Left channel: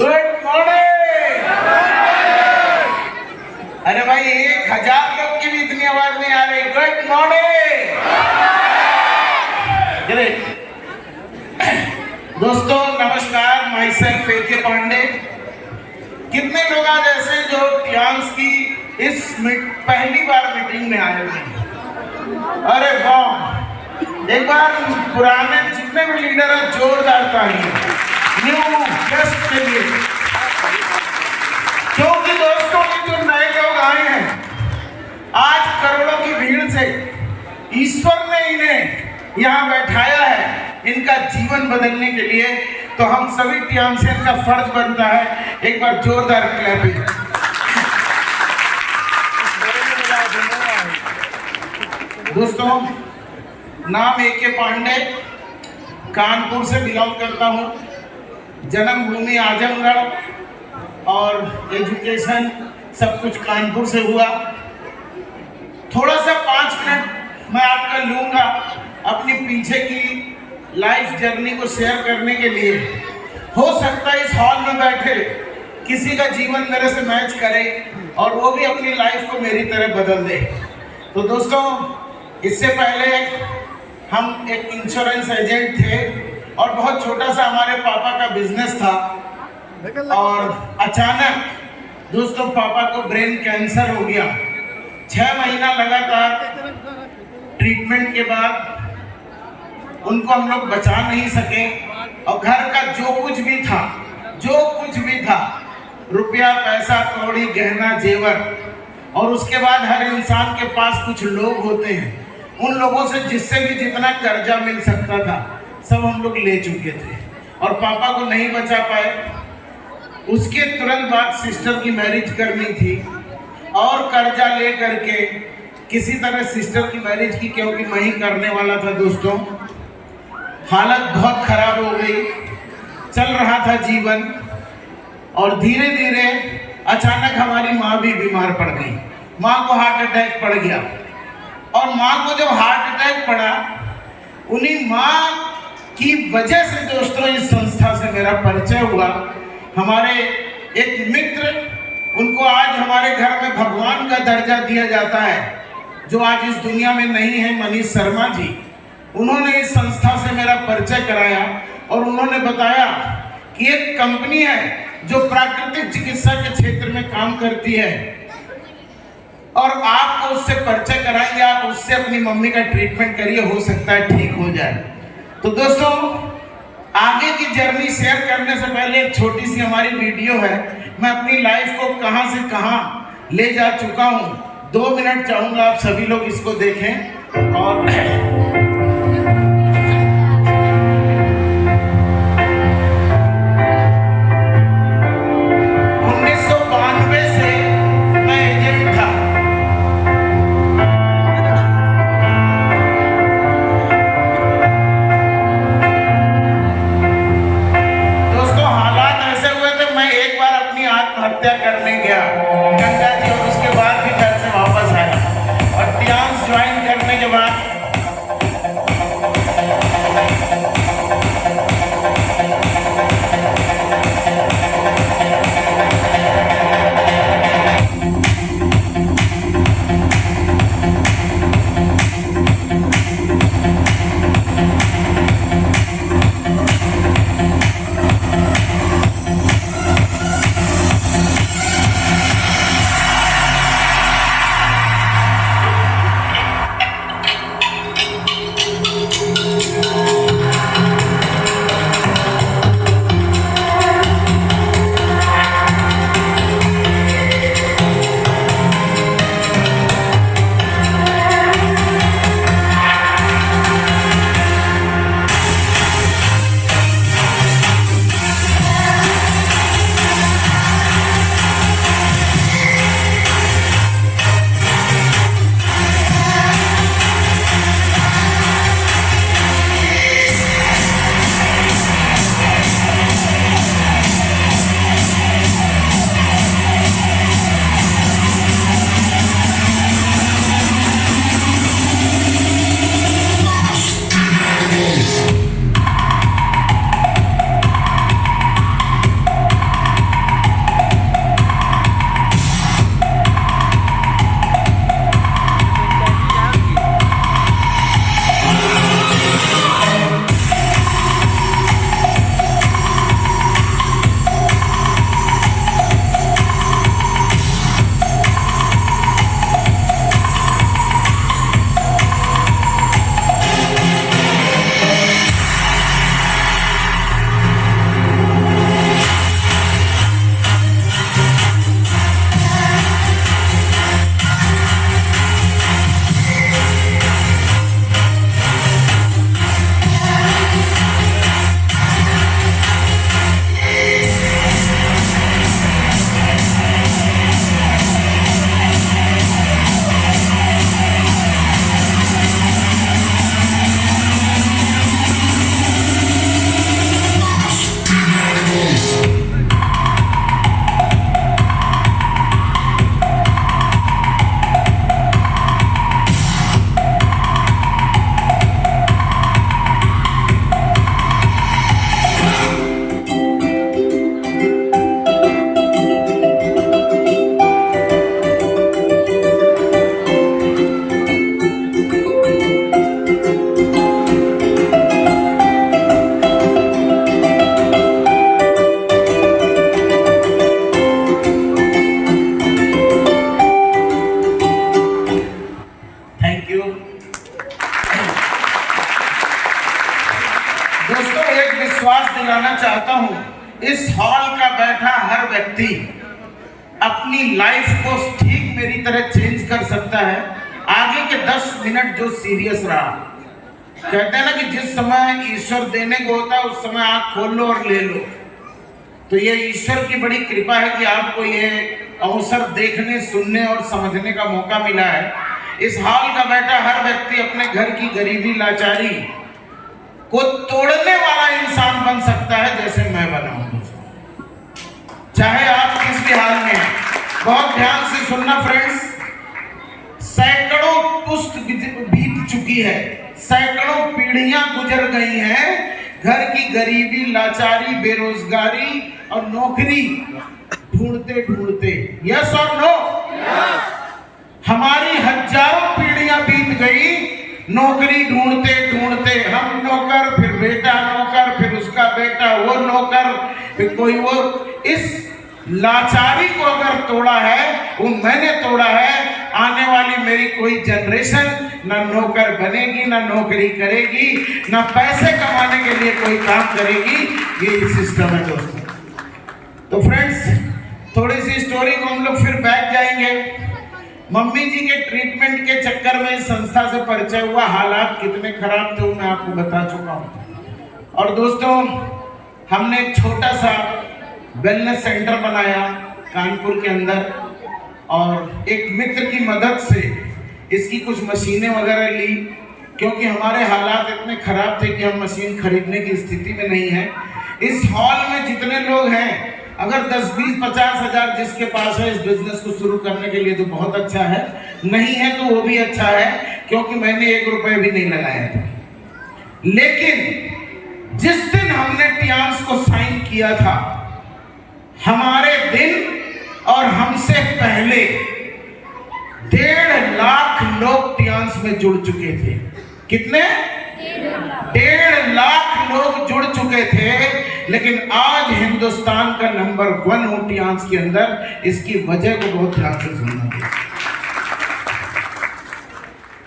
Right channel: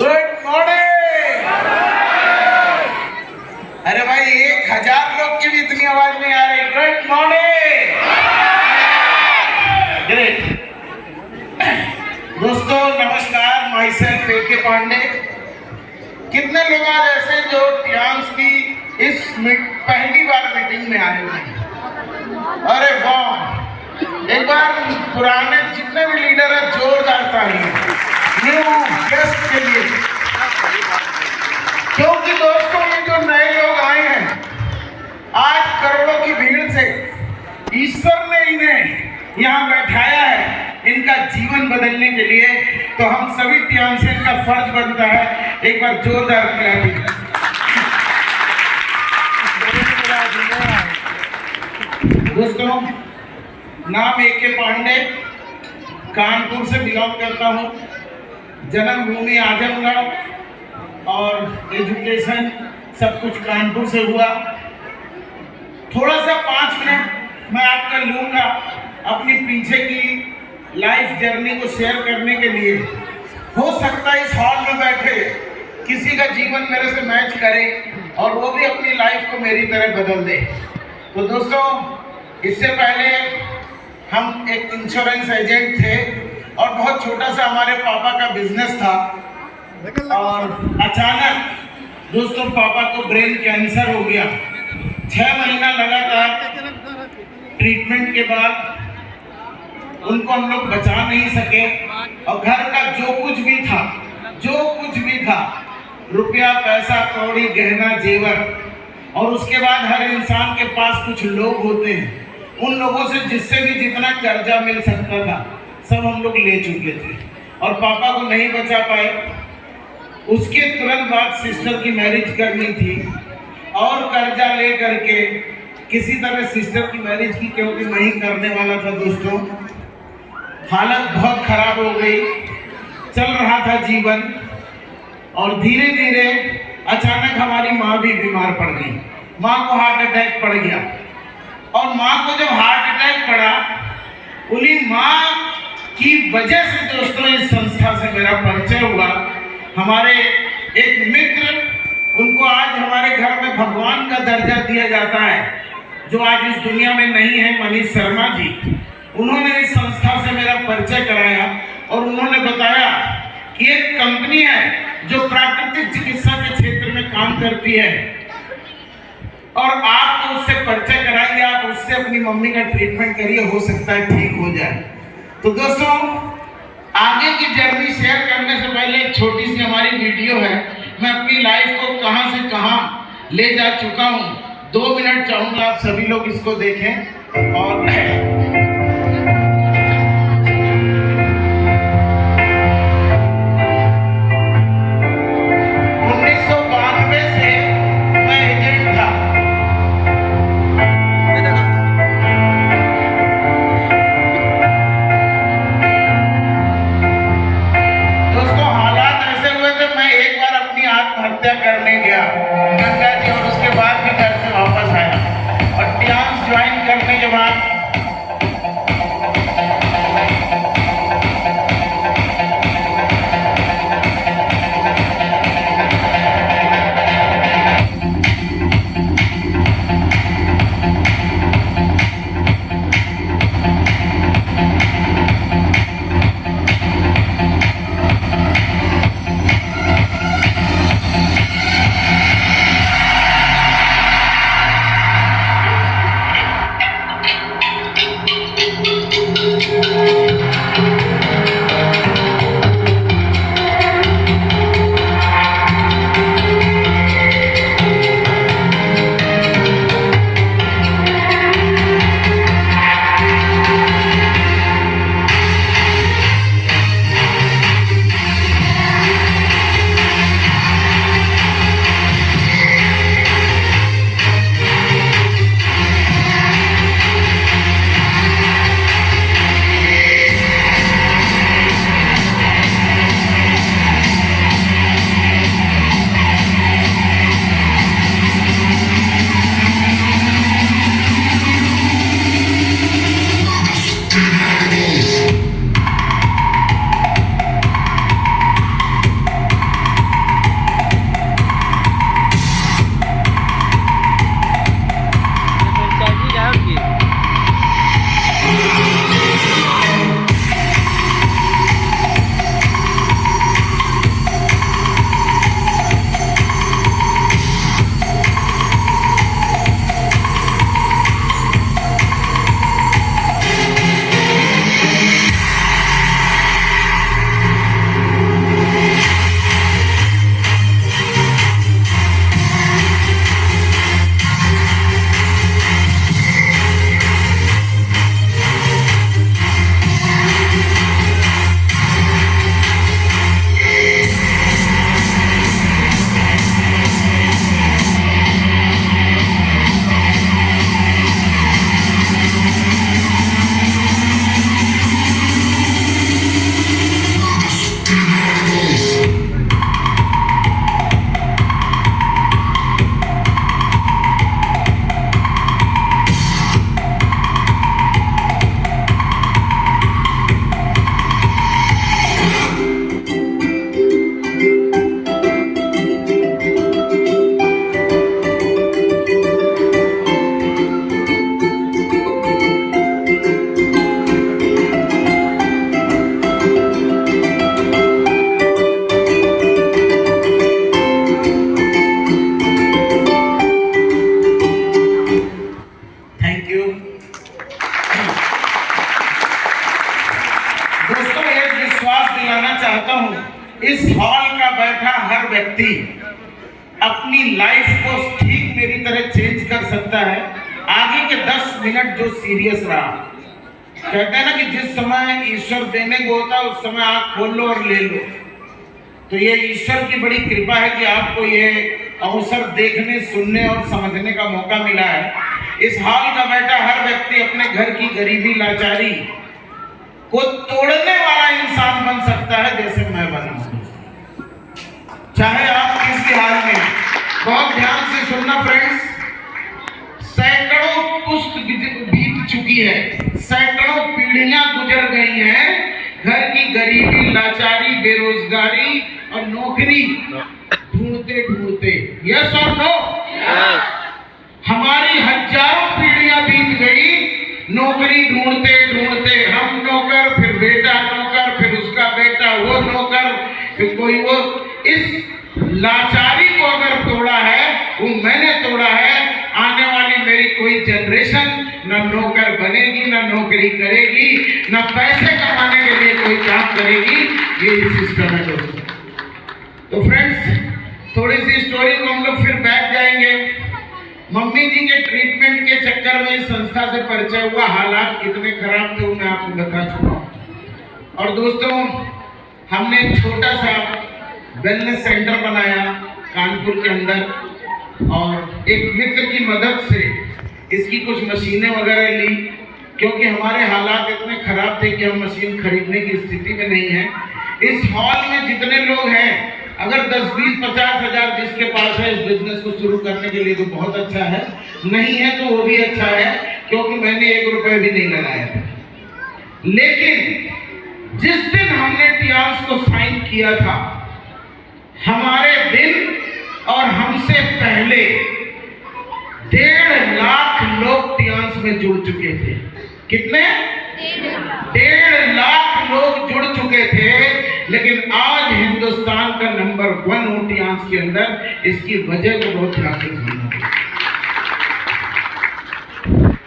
Good morning. अरे भाई 1000 लोग की भी इतनी आवाज नहीं आ रही। Good morning. ग्रेट। दोस्तों नमस्कार, माई सेल्फ ए.के. पांडे। कितने लोग आज ऐसे जो टियांस की इस पहली बार मीटिंग में आए हुए हैं? अरे वाह, एक बार पुराने जितने भी लीडर हैं जोरदार तालियां न्यू गेस्ट के लिए। क्योंकि दोस्तों ये जो नए लोग आए हैं आज करोड़ों की भीड़ से ईश्वर ने इन्हें यहाँ बैठाया है इनका जीवन बदलने के लिए, तो हम सभी टियांसियन का फर्ज बनता है एक बार जोरदार क्लैपिंग। दोस्तों नाम ए.के. पांडे, कानपुर से बिलोंग करता हूँ। जन्मभूमि आजमगढ़ और एजुकेशन सब कुछ कानपुर से हुआ। थोड़ा सा 5 मिनट मैं आपका लूँगा अपनी पीछे की लाइफ जर्नी को शेयर करने के लिए। हो सकता है इस हॉल में बैठे किसी का जीवन मेरे से मैच करे और वो भी अपनी लाइफ को मेरी तरह बदल दे। तो दोस्तों इससे पहले हम एक इंश्योरेंस एजेंट थे और बहुत छोटा सा हमारे पापा का बिजनेस था और अचानक दोस्तों पापा को ब्रेन कैंसर हो गया। 6 महीना लगातार ट्रीटमेंट के बाद उनको हम लोग बचा नहीं सके और घर का जो कुछ भी था रुपया पैसा कौड़ी गहना जेवर, और उसके बाद हर इंसान के पास कुछ लोग होते हैं, उन लोगों से जिससे भी जितना कर्जा मिल सकता था सब हम लोग ले चुके थे और पापा को नहीं बचा पाए। उसके तुरंत बाद सिस्टर की मैरिज करनी थी और कर्जा ले करके किसी तरह सिस्टर की मैरिज की, क्योंकि मैं ही करने वाला था। दोस्तों हालत बहुत खराब हो गई, चल रहा था जीवन और धीरे धीरे अचानक हमारी माँ भी बीमार पड़ गई। माँ को हार्ट अटैक पड़ गया और माँ को जब हार्ट अटैक पड़ा उन्हीं माँ की वजह से दोस्तों इस संस्था से मेरा परिचय हुआ। हमारे एक मित्र, उनको आज हमारे घर में भगवान का दर्जा दिया जाता है, जो आज इस दुनिया में नहीं है, मनीष शर्मा जी। उन्होंने इस संस्था से मेरा परिचय कराया और उन्होंने बताया कि एक कंपनी है जो प्राकृतिक चिकित्सा के क्षेत्र में काम करती है और आपको उससे परिचय कराएंगे, आप उससे अपनी मम्मी का ट्रीटमेंट करिए, हो सकता है ठीक हो जाए। तो दोस्तों आगे की जर्नी शेयर करने से पहले एक छोटी सी हमारी वीडियो है। मैं अपनी लाइफ को कहां से कहां ले जा चुका हूं, 2 मिनट चाहूंगा आप सभी लोग इसको देखें। और 1992 से मैं एजेंट था। आत्महत्या करने गया गंगा जी और उसके बाद भी घर से वापस आया और टियांस ज्वाइन करने के बाद चाहता हूँ इस हॉल का बैठा हर व्यक्ति अपनी लाइफ को ठीक मेरी तरह चेंज कर सकता है। आगे के 10 मिनट जो सीरियस रहा, कहते हैं ना कि जिस समय ईश्वर देने को होता है उस समय आँख खोल लो और ले लो। तो ये ईश्वर की बड़ी कृपा है कि आपको ये अवसर देखने, सुनने और समझने का मौका मिला है। इस हॉल का बैठा हर व्यक्ति अपने घर की गरीबी, लाचारी को तोड़ने वाला इंसान बन सकता है, जैसे मैं बना हूं। चाहे आप किसके हाल में हैं। बहुत ध्यान से सुनना फ्रेंड्स, सैकड़ों पुश्त बीत चुकी है, सैकड़ों पीढ़ियां गुजर गई हैं घर की गरीबी, लाचारी, बेरोजगारी और नौकरी ढूंढते ढूंढते। यस और नो? हमारी हजारों पीढ़ियां बीत गई नौकरी ढूंढते ढूंढते। हम नौकर, फिर बेटा नौकर, फिर उसका बेटा वो नौकर, फिर कोई वो। इस लाचारी को अगर तोड़ा है वो मैंने तोड़ा है। आने वाली मेरी कोई जनरेशन ना नौकर बनेगी, ना नौकरी करेगी, ना पैसे कमाने के लिए कोई काम करेगी। ये सिस्टम है दोस्तों। तो फ्रेंड्स, थोड़ी सी स्टोरी को हम लोग फिर बैठ जाएंगे। मम्मी जी के ट्रीटमेंट के चक्कर में इस संस्था से परिचय हुआ। हालात कितने खराब थे वो मैं आपको बता चुका हूँ। और दोस्तों, हमने एक छोटा सा वेलनेस सेंटर बनाया कानपुर के अंदर, और एक मित्र की मदद से इसकी कुछ मशीनें वगैरह ली, क्योंकि हमारे हालात इतने खराब थे कि हम मशीन खरीदने की स्थिति में नहीं है। इस हॉल में जितने लोग हैं, अगर 10, 20, 50 हजार जिसके पास है इस बिजनेस को शुरू करने के लिए तो बहुत अच्छा है, नहीं है तो वो भी अच्छा है, क्योंकि मैंने 1 रुपए भी नहीं लगाया था। लेकिन जिस दिन हमने टियांस को साइन किया था, हमारे दिन और हमसे पहले 1.5 लाख लोग टियांस में जुड़ चुके थे। कितने? 1.5 लाख लोग जुड़ चुके थे। लेकिन आज हिंदुस्तान का नंबर 1 हूं टियांस के अंदर। इसकी वजह को बहुत ध्यान से सुनना।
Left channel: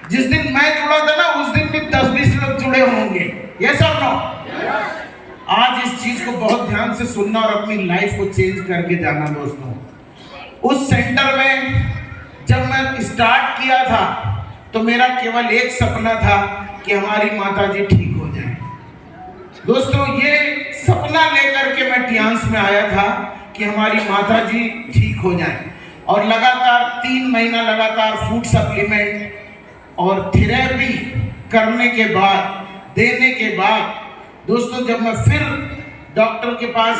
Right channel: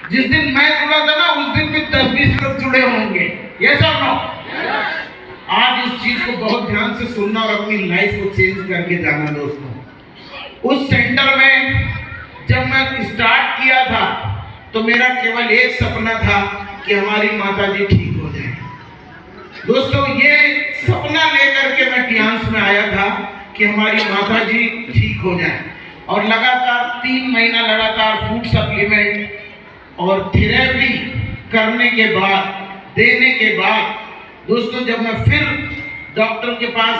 जिस दिन मैं जुड़ा था ना, उस दिन भी 10-20 लोग जुड़े होंगे। यस और नो? आज इस चीज को बहुत ध्यान से सुनना और अपनी लाइफ को चेंज करके जाना दोस्तों। उस सेंटर में जब मैं स्टार्ट किया था तो मेरा केवल एक सपना था कि हमारी माता जी ठीक हो जाए। दोस्तों, ये सपना लेकर के मैं टियांस में आया था कि हमारी माता जी ठीक हो जाए। और लगातार 3 महीना लगातार फूड सप्लीमेंट और थेरेपी करने के बाद, देने के बाद दोस्तों, जब मैं फिर डॉक्टर के पास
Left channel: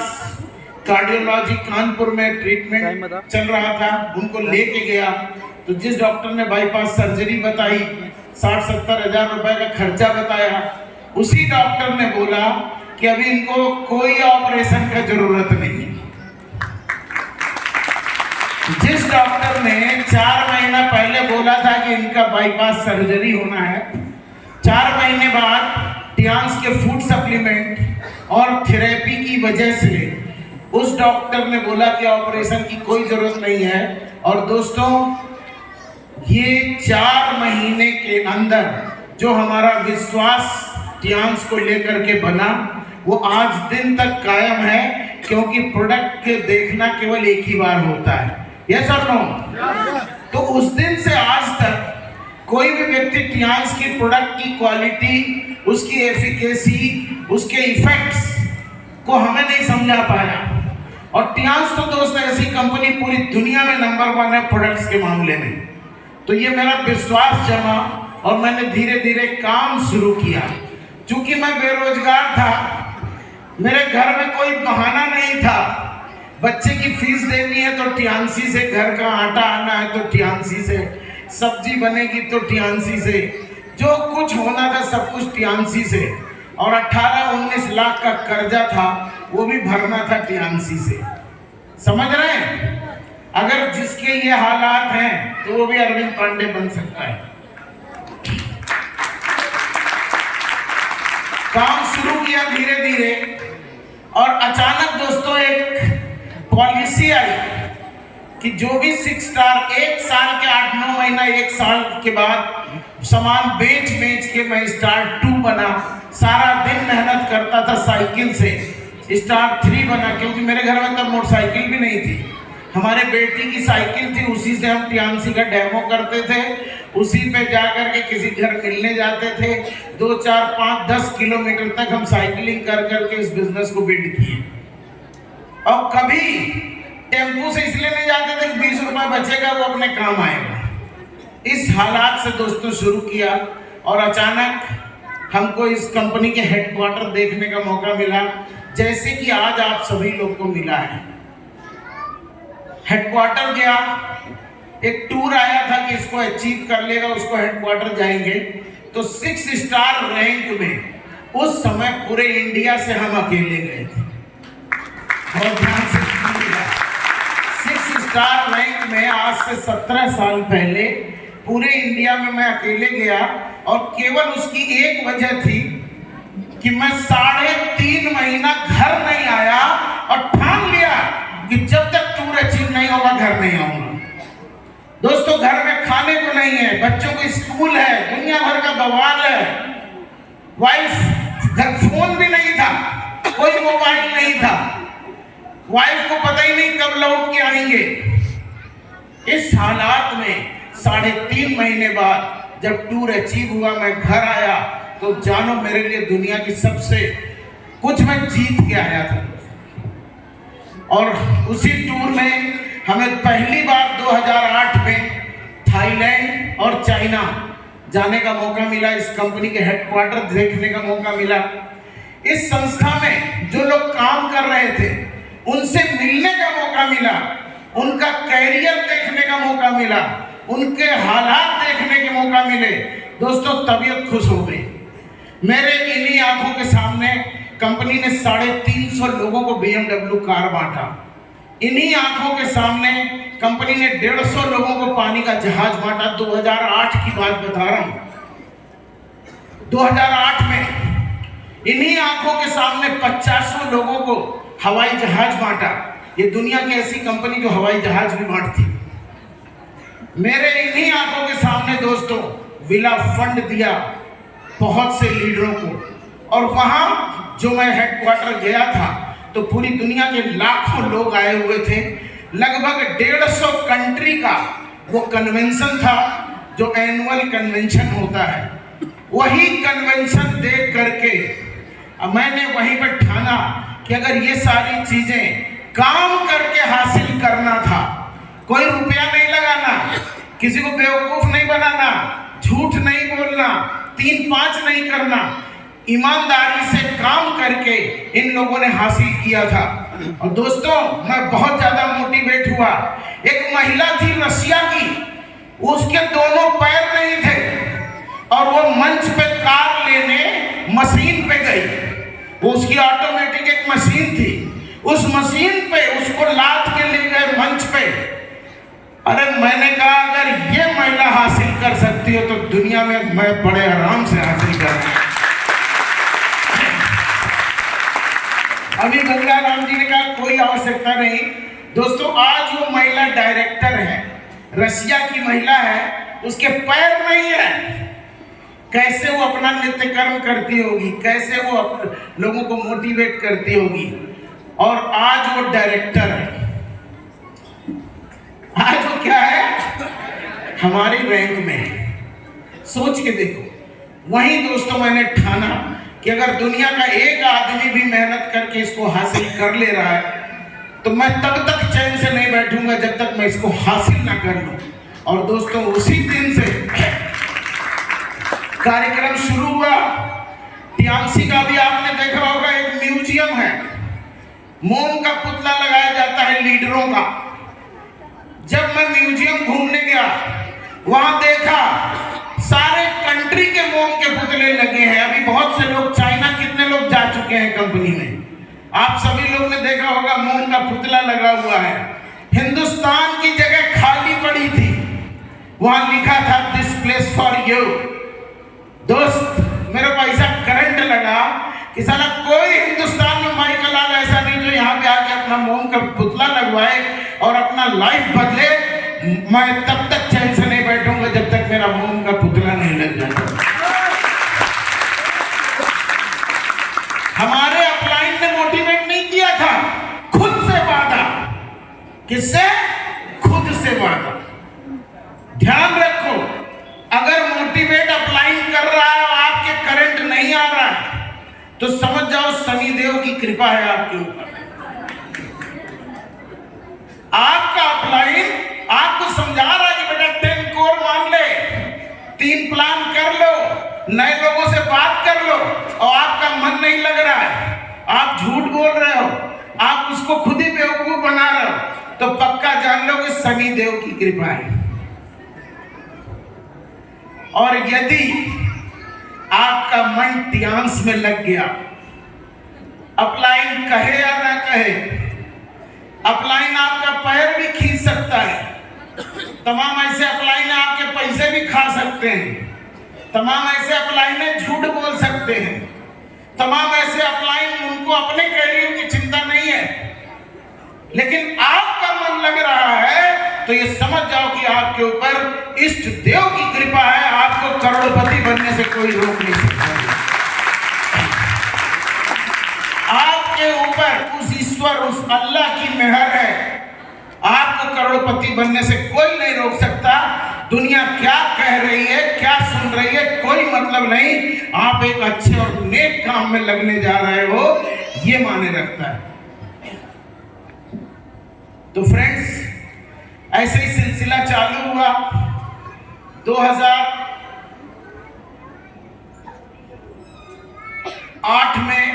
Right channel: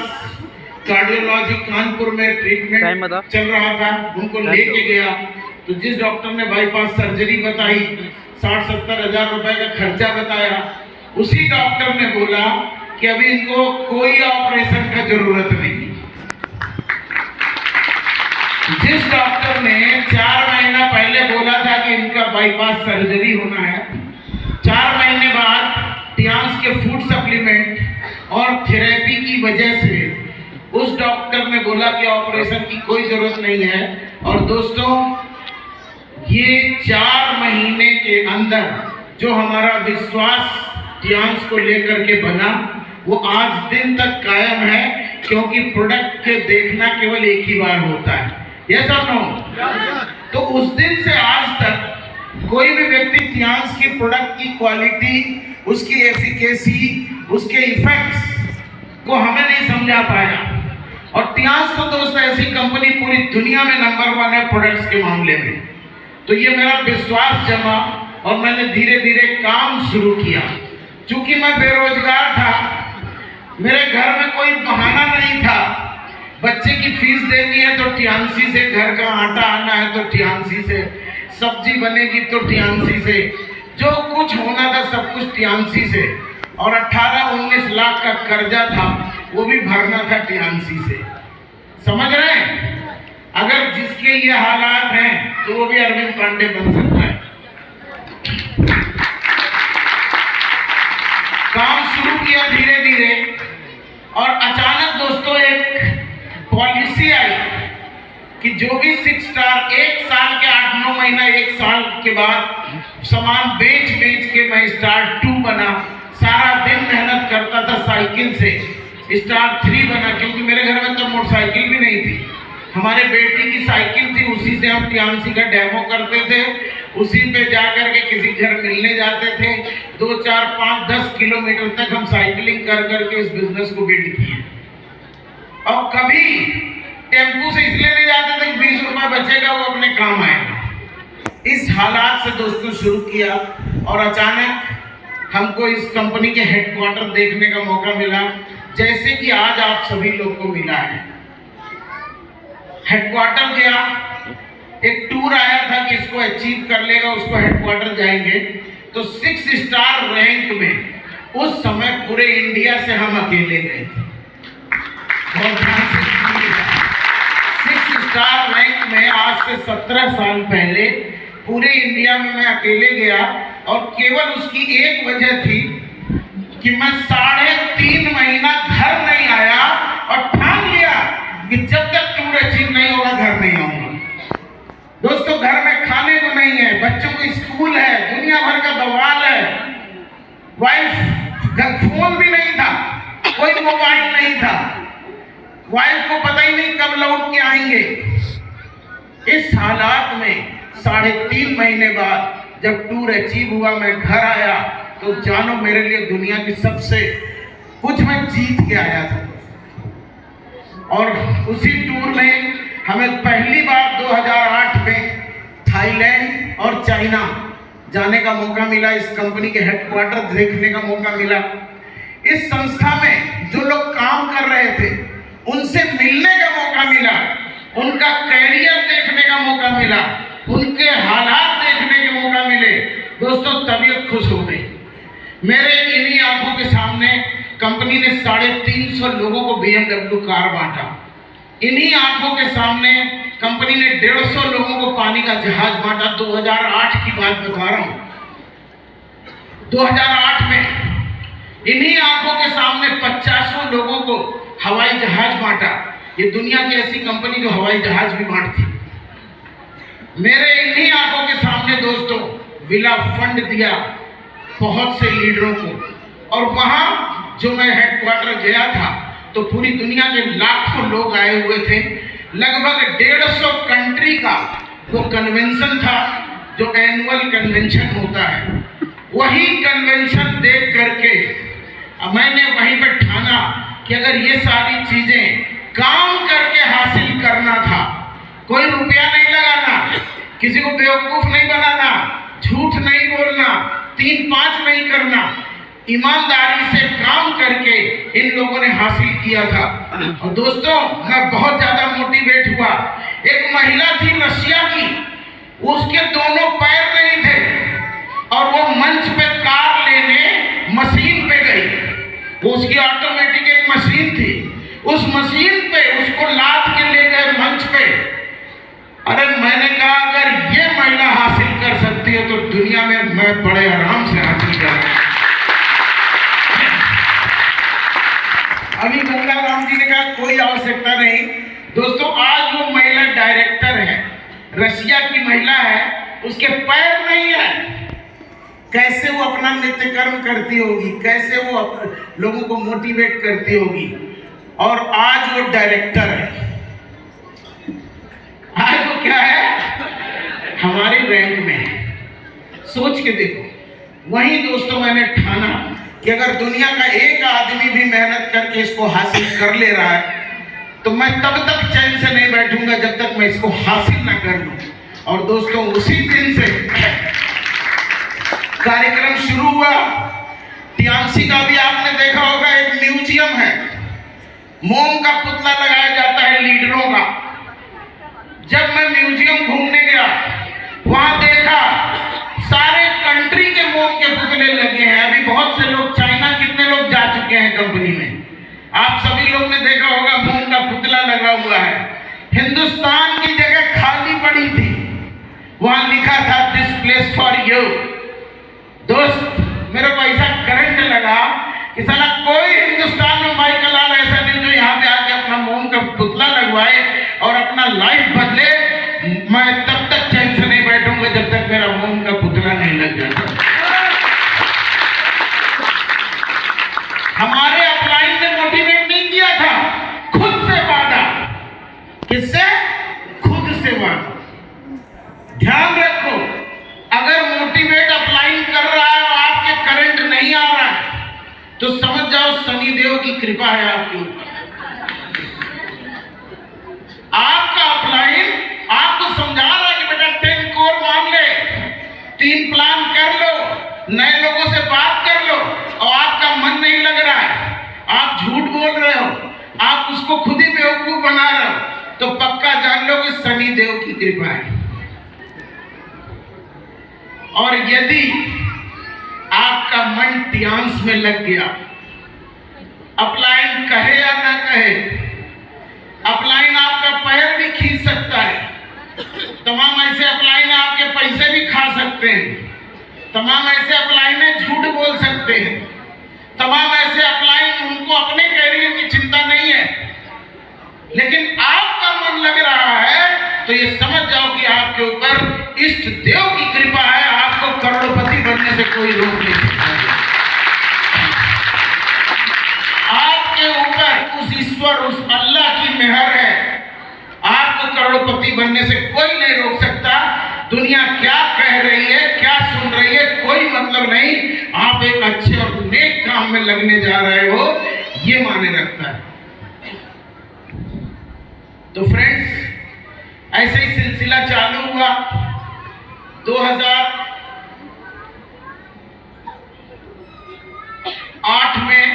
कार्डियोलॉजी कानपुर में ट्रीटमेंट चल रहा था, उनको लेके गया तो जिस डॉक्टर ने बाईपास सर्जरी बताई, 60-70 हजार रुपए का खर्चा बताया, उसी डॉक्टर ने बोला कि अभी इनको कोई ऑपरेशन का जरूरत नहीं। जिस डॉक्टर ने 4 महीना पहले बोला था कि इनका बाईपास सर्जरी होना है, 4 महीने बाद टियांस के फूड सप्लीमेंट और थेरेपी की वजह से उस डॉक्टर ने बोला कि ऑपरेशन की कोई जरूरत नहीं है। और दोस्तों, ये 4 महीने के अंदर जो हमारा विश्वास टियांस को लेकर के बना, वो आज दिन तक कायम है, क्योंकि प्रोडक्ट के देखना केवल एक ही बार होता है। यस और नो? तो उस दिन से आज तक कोई भी व्यक्ति टियांस की प्रोडक्ट की क्वालिटी, उसकी एफिकेसी, उसके इफेक्ट्स को हमें नहीं समझा पाया। और टियांस तो दोस्तों ऐसी कंपनी पूरी दुनिया में नंबर 1 है प्रोडक्ट्स के मामले में। तो ये मेरा विश्वास जमा और मैंने धीरे धीरे काम शुरू किया। चूंकि मैं बेरोजगार था, मेरे घर में कोई बहाना नहीं था। बच्चे की फीस देनी है तो टियांसी से, घर का आटा आना है तो टियांसी से, सब्जी बनेगी तो टियांसी से, जो कुछ होना था सब कुछ टियांसी से। और 18-19 लाख का कर्जा था, वो भी भरना था टियांसी से। समझ रहे हैं? अगर जिसके ये हालात हैं तो वो भी अरविंद पांडे बन सकता है। काम शुरू किया धीरे धीरे, और अचानक दोस्तों एक पॉलिसी आई कि जो भी 6 स्टार 1 साल के 8-9 महीना, 1 साल के बाद सामान बेच बेच के मैं स्टार 2 बना। सारा दिन मेहनत करता था साइकिल से, स्टार 3 बना, क्योंकि मेरे घर में तब मोटरसाइकिल भी नहीं थी। हमारे बेटी की साइकिल थी, उसी से हम टियामसी का डेमो करते थे, उसी पे जा कर के किसी घर मिलने जाते थे। 2, 4, 5, 10 किलोमीटर तक हम साइकिलिंग कर करके इस बिजनेस को बिल्ड किए। और कभी टेम्पू से इसलिए नहीं जाते थे कि 20 रुपए बचेगा, वो अपने काम आएगा। इस हालात से दोस्तों शुरू किया और अचानक हमको इस कंपनी के हेडक्वार्टर देखने का मौका मिला, जैसे कि आज आप सभी लोग को मिला है। हेडक्वार्टर गया, एक टूर आया था कि इसको अचीव कर लेगा उसको हेडक्वार्टर जाएंगे, तो 6 स्टार रैंक में उस समय पूरे इंडिया से हम अकेले गए थे। बहुत ध्यान से सुनिएगा, 6 स्टार रैंक में आज से 17 साल पहले पूरे इंडिया में मैं अकेले गया, और केवल उसकी एक वजह थी कि मैं 3.5 महीना घर नहीं आया और ठान लिया कि जब तक टूर अचीव नहीं होगा घर नहीं आऊंगा। दोस्तों, घर में खाने को नहीं है, बच्चों को स्कूल है, दुनिया भर का बवाल है, वाइफ घर फोन भी नहीं था, कोई मोबाइल नहीं था, वाइफ को पता ही नहीं कब लौट के आएंगे। इस हालात में 3.5 महीने बाद जब टूर अचीव हुआ, मैं घर आया, तो जानो मेरे लिए दुनिया की सबसे कुछ मैं जीत के आया था। और उसी टूर में हमें पहली बार 2008 में थाईलैंड और चाइना जाने का मौका मिला, इस कंपनी के हेडक्वार्टर देखने का मौका मिला। इस संस्था में जो लोग काम कर रहे थे उनसे मिलने का मौका मिला, उनका कैरियर देखने का मौका मिला, उनके हालात देखने के मौका मिले। दोस्तों, तबीयत खुश हो गई। मेरे इन्हीं आंखों के सामने कंपनी ने 350 लोगों को BMW कार बांटा। इन्हीं आंखों के सामने कंपनी ने 150 लोगों को पानी का जहाज बांटा। 2008 की बात बता रहा हूं। 2008 में इन्हीं आंखों के सामने 50 लोगों को हवाई जहाज बांटा। ये दुनिया की ऐसी कंपनी जो हवाई जहाज भी बांटती। मेरे इन्हीं आंखों के सामने दोस्तों विला फंड दिया बहुत से लीडरों को। और वहां जो मैं हेडक्वार्टर गया था तो पूरी दुनिया के लाखों लोग आए हुए थे। लगभग 150 कंट्री का वो कन्वेंशन था जो एनुअल कन्वेंशन होता है। वही कन्वेंशन देख करके मैंने वहीं पर ठाना कि अगर ये सारी चीजें काम करके हासिल करना था, कोई रुपया नहीं लगाना, किसी को बेवकूफ नहीं बनाना, झूठ नहीं बोलना, 3-5 नहीं करना, ईमानदारी से काम करके इन लोगों ने हासिल किया था। और दोस्तों, मैं बहुत ज्यादा मोटिवेट हुआ। एक महिला थी रशिया की, उसके दोनों पैर नहीं थे और वो मंच पे कार लेने मशीन पे गई। वो उसकी ऑटोमेटिक एक मशीन थी, उस मशीन पे उसको लाद के ले गए मंच पे। अरे मैंने कहा अगर ये महिला हासिल कर सकती है तो दुनिया में मैं बड़े आराम से हासिल कर। अभी गंगा राम जी ने कहा कोई आवश्यकता नहीं। दोस्तों, आज वो महिला डायरेक्टर है, रशिया की महिला है, उसके पैर नहीं है। कैसे वो अपना नित्य कर्म करती होगी, कैसे वो लोगों को मोटिवेट करती होगी। और आज वो डायरेक्टर है। आज वो क्या है? हमारी रैंक में। सोच के देखो। वहीं दोस्तों मैंने ठाना कि अगर दुनिया का एक आदमी भी मेहनत करके इसको हासिल कर ले रहा है तो मैं तब तक चैन से नहीं बैठूंगा जब तक मैं इसको हासिल ना कर लूं। और दोस्तों, उसी दिन से कार्यक्रम शुरू हुआ। टियामसी का भी आपने देखा होगा, एक म्यूजियम है, मोम का पुतला लगाया जाता है लीडरों का। जब मैं म्यूजियम घूमने गया, वहां देखा सारे कंट्री के मोम के पुतले लगे हैं। अभी बहुत से लोग, चाइना कितने लोग जा चुके हैं कंपनी में, आप सभी लोग ने देखा होगा मोम का पुतला लगा हुआ है। हिंदुस्तान की जगह खाली पड़ी थी, वहां लिखा था दिस प्लेस फॉर यू। दोस्त, मेरा पैसा करंट लगा कि साला कोई हिंदुस्तान में माइकल लाल ऐसा नहीं जो यहाँ पे आके अपना मोम का पुतला लगवाए और अपना लाइफ बदले। मैं तब तक चैन से नहीं बैठूंगा जब तक मेरा मोम का पुतला नहीं लग जाता। हमारे अपलाइन ने मोटिवेट नहीं किससे? खुद से मांगो। ध्यान रखो, अगर मोटिवेट अपलाइन कर रहा है और आपके करंट नहीं आ रहा है तो समझ जाओ शनिदेव की कृपा है आपके ऊपर। आपका अपलाइन आपको समझा रहा है कि बेटा 10 कोर मान ले, 3 प्लान कर लो, नए लोगों से बात कर लो, और आपका मन नहीं लग रहा है, आप झूठ बोल रहे हो, आप उसको खुद ही बेवकूफ बना रहे हो, तो पक्का जान लो कि शनिदेव की कृपा है। और यदि आपका मन ध्यान में लग गया, अपलाइन कहे या ना कहे, अपलाइन आपका पैर भी खींच सकता है, तमाम ऐसे अपलाइन आपके पैसे भी खा सकते हैं, तमाम ऐसे अपलाइन झूठ बोल सकते हैं, तमाम ऐसे अपलाइन उनको अपने कैरियर की चिंता नहीं है, लेकिन आपका मन लग रहा है तो ये समझ जाओ कि आपके ऊपर इष्ट देव की कृपा है, आपको करोड़पति बनने से कोई रोक नहीं सकता। आपके ऊपर उस ईश्वर, उस अल्लाह की मेहर है, आपको करोड़पति बनने से कोई नहीं रोक सकता। दुनिया क्या कह रही है, क्या सुन रही है, कोई मतलब नहीं, आप एक अच्छे और नेक काम में लगने जा रहे हो, ये माने रखता है। तो फ्रेंड्स, ऐसे ही सिलसिला चालू हुआ। 2008 में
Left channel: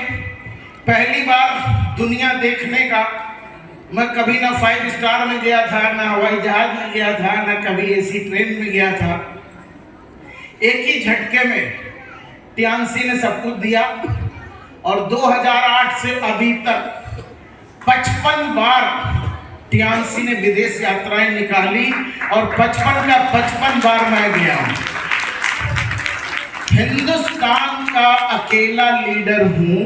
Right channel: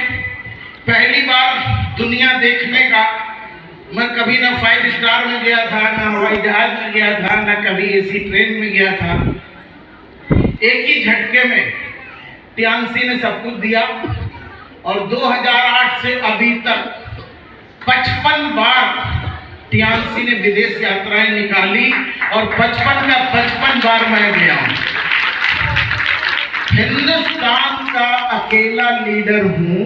पहली बार दुनिया देखने का, मैं कभी ना 5 स्टार में गया था, ना हवाई जहाज में गया था, ना कभी एसी ट्रेन में गया था। एक ही झटके में टियानसी ने सब कुछ दिया, और 2008 से अभी तक 55 बार टियानसी ने विदेश यात्राएं निकाली, और 55 का 55 बार मैं गया हूं। हिंदुस्तान का अकेला लीडर हूं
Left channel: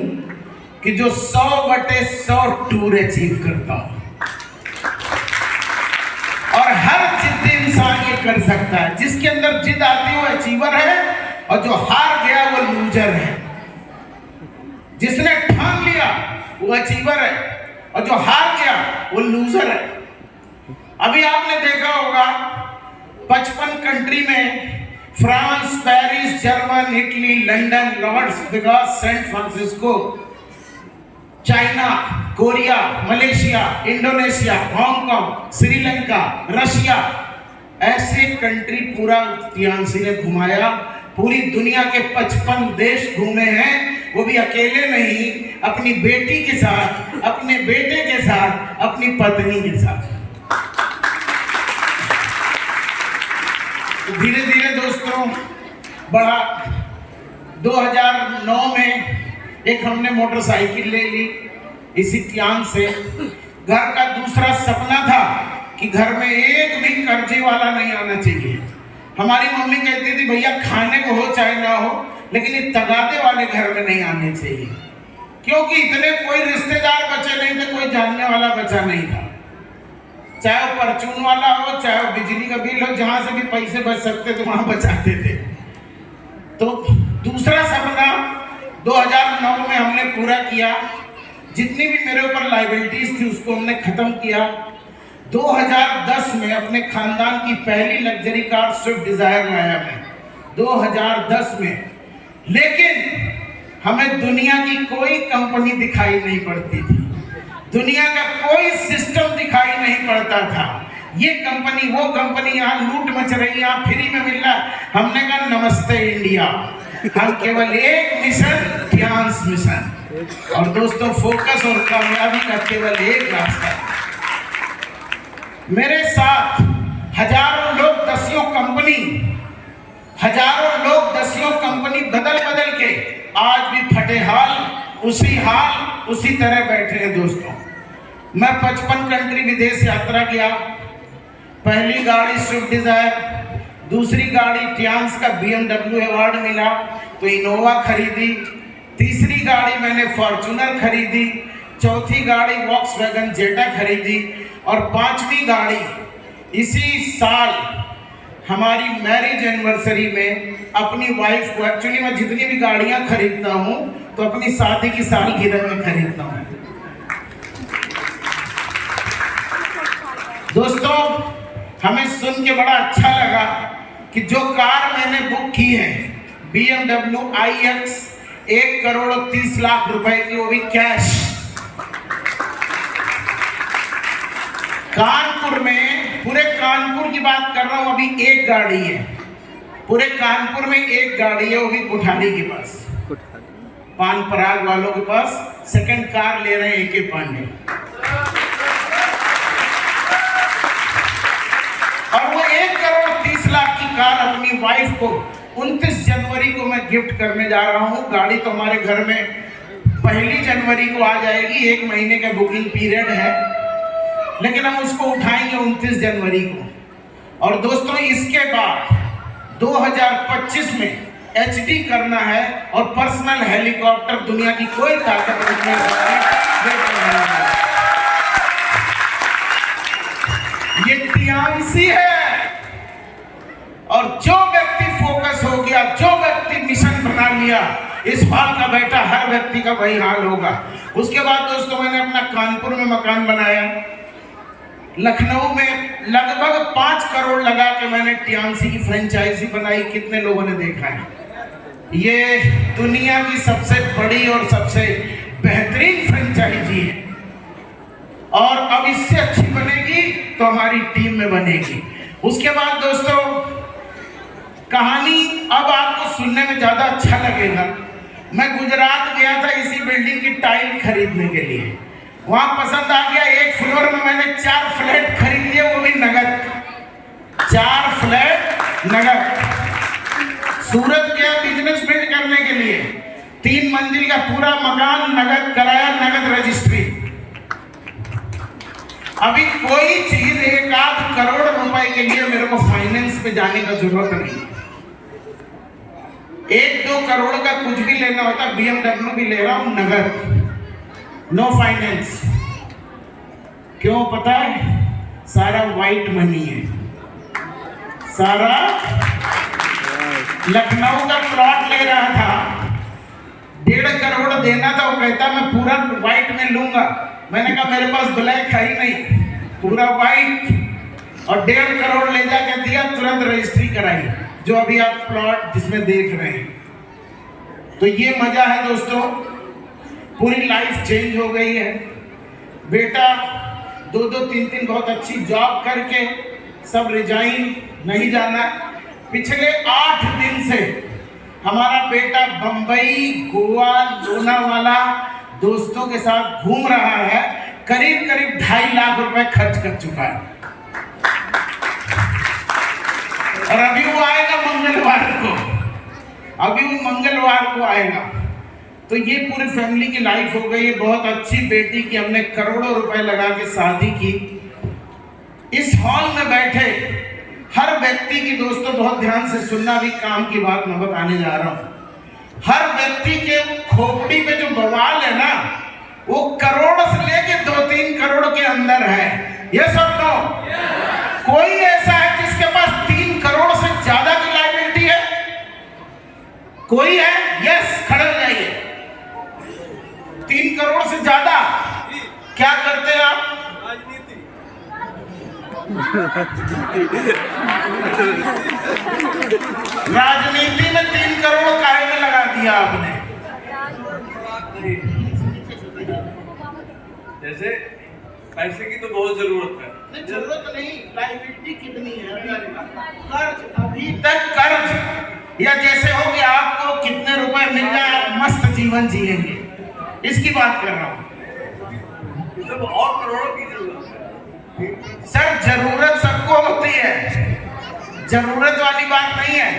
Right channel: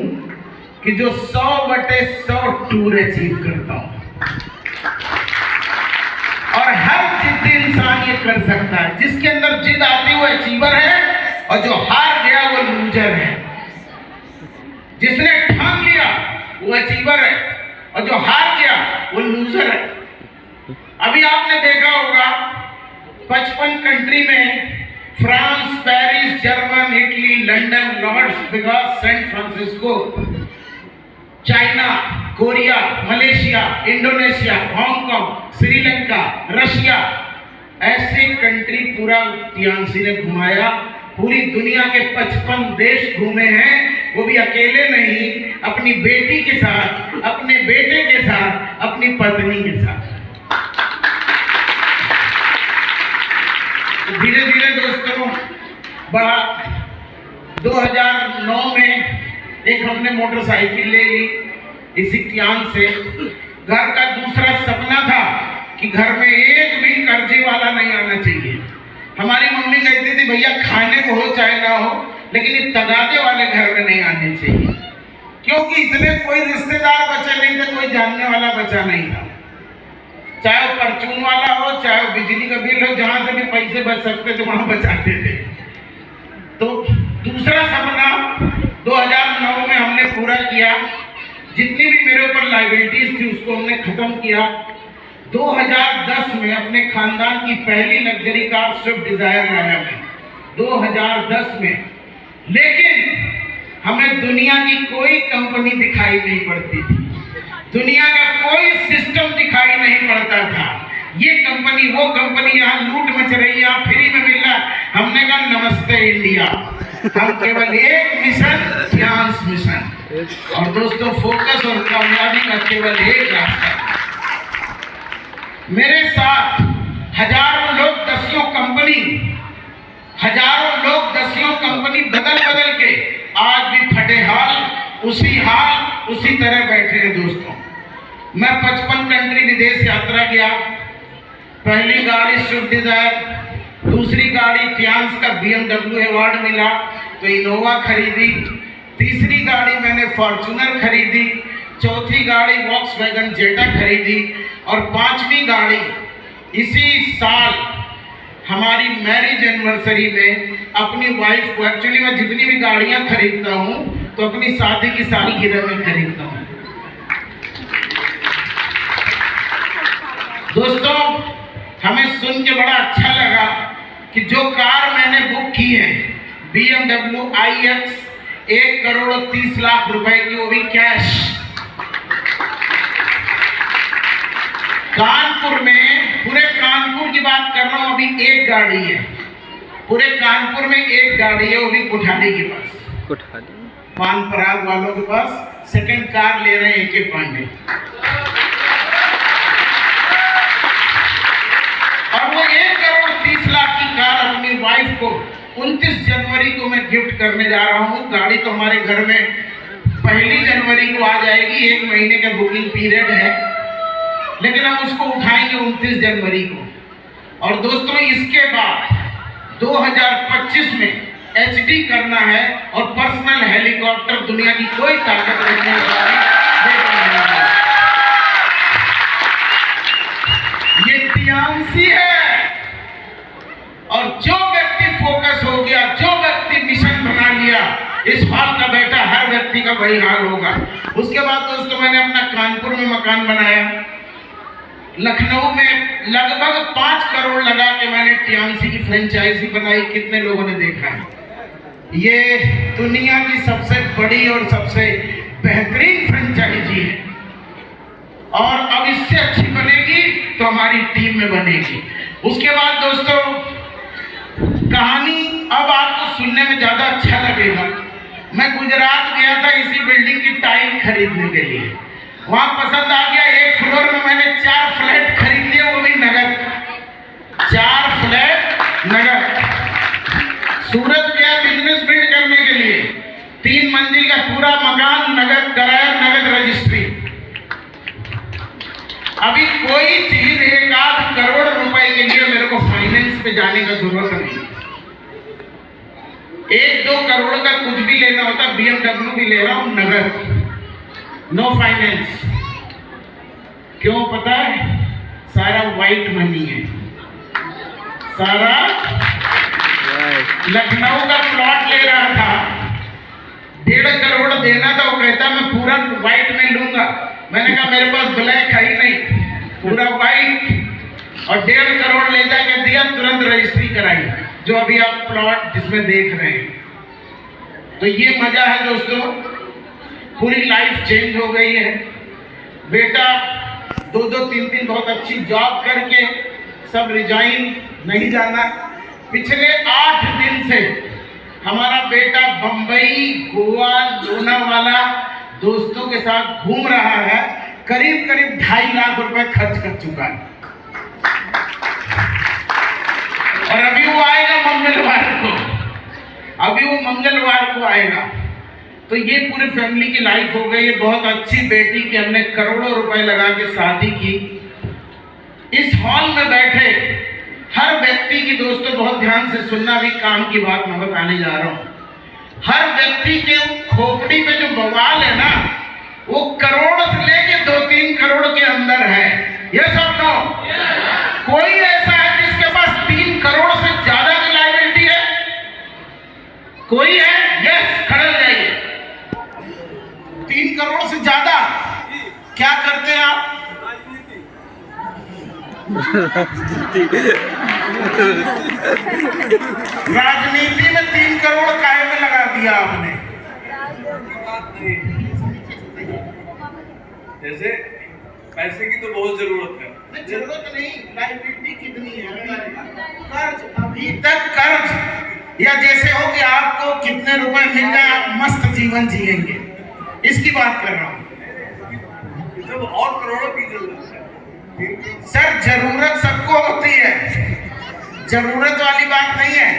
कि जो 100/100 टूर अचीव करता हूं, और हर जिद्दी इंसान ये कर सकता है। जिसके अंदर जिद आती वो अचीवर है, और जो हार गया वो लूजर है। जिसने ठान लिया वो अचीवर है, और जो हार गया वो लूजर है। अभी आपने देखा होगा 55 कंट्री में, France, Paris, German, Italy, London, Las Vegas, San Francisco, China, Korea, Malaysia, Indonesia, Hong Kong, Sri Lanka, Russia, ऐसे कंट्री पूरा टियानसी ने घुमाया। पूरी दुनिया के 55 देश घूमे हैं, वो भी अकेले नहीं, अपनी बेटी के साथ, अपने बेटे के साथ, अपनी पत्नी के साथ। धीरे धीरे दोस्तों बढ़ा। 2009 में एक हमने मोटरसाइकिल ले ली इसी टियान से। घर का दूसरा सपना था कि घर में एक भी कर्जे वाला नहीं आना चाहिए। हमारी मम्मी कहती थी भैया खाने को हो चाहे ना हो, लेकिन ये तगादे वाले घर में नहीं आने चाहिए, क्योंकि इतने कोई रिश्तेदार बचे नहीं थे, कोई जानने वाला बचा नहीं था। चाहे वो परचून वाला हो, चाहे वो बिजली का बिल हो, जहां से भी पैसे बच सकते थे वहां बचाते थे। तो दूसरा सपना 2009 में हमने पूरा किया। जितनी भी मेरे ऊपर लाइबिलिटीज थी उसको हमने खत्म किया। 2010 में अपने खानदान की पहली लग्जरी कार स्विफ्ट डिजायर लाया मैं 2010 में। लेकिन हमें दुनिया की कोई कंपनी दिखाई नहीं पड़ती थी, दुनिया का कोई सिस्टम दिखाई नहीं पड़ता था। ये कंपनी वो कंपनी, यहाँ लूट मच रही है, यहाँ फ्री में मिल रहा है। हमने कहा नमस्ते इंडिया, हम केवल एक मिशन, ध्यान मिशन। और दोस्तों फोकस और कामयाबी का केवल एक रास्ता। मेरे साथ हजारों लोग दसियों कंपनी बदल बदल के आज भी फटे हाल उसी तरह बैठे हैं दोस्तों। मैं 55 कंट्री विदेश यात्रा किया। पहली गाड़ी स्विफ्ट डिजायर, दूसरी गाड़ी टियान्स का BMW अवार्ड मिला तो इनोवा खरीदी, तीसरी गाड़ी मैंने फॉर्च्यूनर खरीदी, चौथी गाड़ी वॉक्सवैगन जेटा खरीदी, और 5वीं गाड़ी इसी साल हमारी मैरिज एनिवर्सरी में अपनी वाइफ को। एक्चुअली मैं जितनी भी गाड़ियां खरीदता हूं तो अपनी शादी की सालगिरह में खरीदता हूं। दोस्तों, हमें सुन के बड़ा अच्छा लगा कि जो कार मैंने बुक की है BMW iX 1,30,00,000 रुपए की, वो भी कैश। कानपुर में, पूरे कानपुर की बात कर रहा हूं, अभी एक गाड़ी है पूरे कानपुर में, एक गाड़ी है, वो भी कुठारी के पास, पान पराग वालों के पास सेकंड कार ले रहे हैं AK पांडे। और वो 1,30,00,000 की कार अपनी वाइफ को 29 जनवरी को मैं गिफ्ट करने जा रहा हूँ। गाड़ी तो हमारे घर में 1 जनवरी को आ जाएगी, 1 महीने का बुकिंग पीरियड है, लेकिन हम उसको उठाएंगे 29 जनवरी को। और दोस्तों, इसके बाद 2025 में HD करना है और पर्सनल हेलीकॉप्टर दुनिया की कोई ताकत नहीं है। ये टियांसी है। और जो व्यक्ति फोकस हो गया, जो व्यक्ति मिशन बना लिया, इस हाल का बेटा हर व्यक्ति का वही हाल होगा। उसके बाद दोस्तों, मैंने अपना कानपुर में मकान बनाया, लखनऊ में लगभग 5 करोड़ लगा के मैंने टियांसी की फ्रेंचाइजी बनाई। कितने लोगों ने देखा है? ये दुनिया की सबसे बड़ी और सबसे बेहतरीन फ्रेंचाइजी है, और अब इससे अच्छी बनेगी तो हमारी टीम में बनेगी। उसके बाद दोस्तों, कहानी अब आपको सुनने में ज्यादा अच्छा लगेगा। मैं गुजरात गया था इसी बिल्डिंग की टाइल खरीदने के लिए, वहां पसंद आ गया। 1 फ्लोर में मैंने 4 फ्लैट खरीद लिए, वो भी नगद, 4 फ्लैट नगद। सूरत गया बिजनेस बिल्ड करने के लिए, 3 मंजिल का पूरा मकान नगद कराया, नगद रजिस्ट्री। अभी कोई चीज 1-8 करोड़ रुपए के लिए मेरे को फाइनेंस पे जाने का जरूरत नहीं। 1-2 करोड़ का कुछ भी लेना होता, BMW भी ले रहा हूं नगद, नो फाइनेंस। क्यों पता है? सारा वाइट मनी है, सारा। लखनऊ का प्लॉट ले रहा था, 1.5 करोड़ देना था, वो कहता मैं पूरा वाइट में लूंगा। मैंने कहा मेरे पास ब्लैक है ही नहीं, पूरा वाइट। और 1.5 करोड़ ले जाके दिया, तुरंत रजिस्ट्री कराई, जो अभी आप प्लॉट जिसमें देख रहे हैं। तो ये मजा है दोस्तों, पूरी लाइफ चेंज हो गई है। बेटा 2-2, 3-3 बहुत अच्छी जॉब करके सब रिजाइन नहीं जाना। पिछले 8 दिन से हमारा बेटा बंबई, गोवा, लोनावाला दोस्तों के साथ घूम रहा है, करीब 2.5 लाख रुपए खर्च कर चुका है। और अभी वो आएगा मंगलवार को, अभी वो मंगलवार को आएगा। तो ये पूरी फैमिली की लाइफ हो गई है। बहुत अच्छी बेटी की हमने करोड़ों रुपए लगा के शादी की। इस हॉल में बैठे हर व्यक्ति की दोस्तों बहुत ध्यान से सुनना, भी काम की बात मैं बताने जा रहा हूं। हर व्यक्ति के खोपड़ी पे जो बवाल है ना, वो करोड़ से लेके 2-3 करोड़ के अंदर है। ये सब नो, कोई ऐसा है जिसके पास 3 करोड़ से ज्यादा की लायबिलिटी है? कोई है? यस, खड़े हो जाइए। 3 करोड़ से ज्यादा क्या करते हैं आप? राजनीति में 3 करोड़ काहे में लगा दिया आपने? जैसे पैसे की तो बहुत जरूरत है। जरूरत नहीं, लायबिलिटी कितनी है? कर्ज, अभी तक कर्ज, या जैसे हो कि आपको कितने रुपए मिल जाए आप मस्त जीवन जिएंगे, इसकी बात कर रहा हूँ। और करोड़ों की जरूरत है सर। जरूरत सबको होती है, जरूरत वाली बात नहीं है।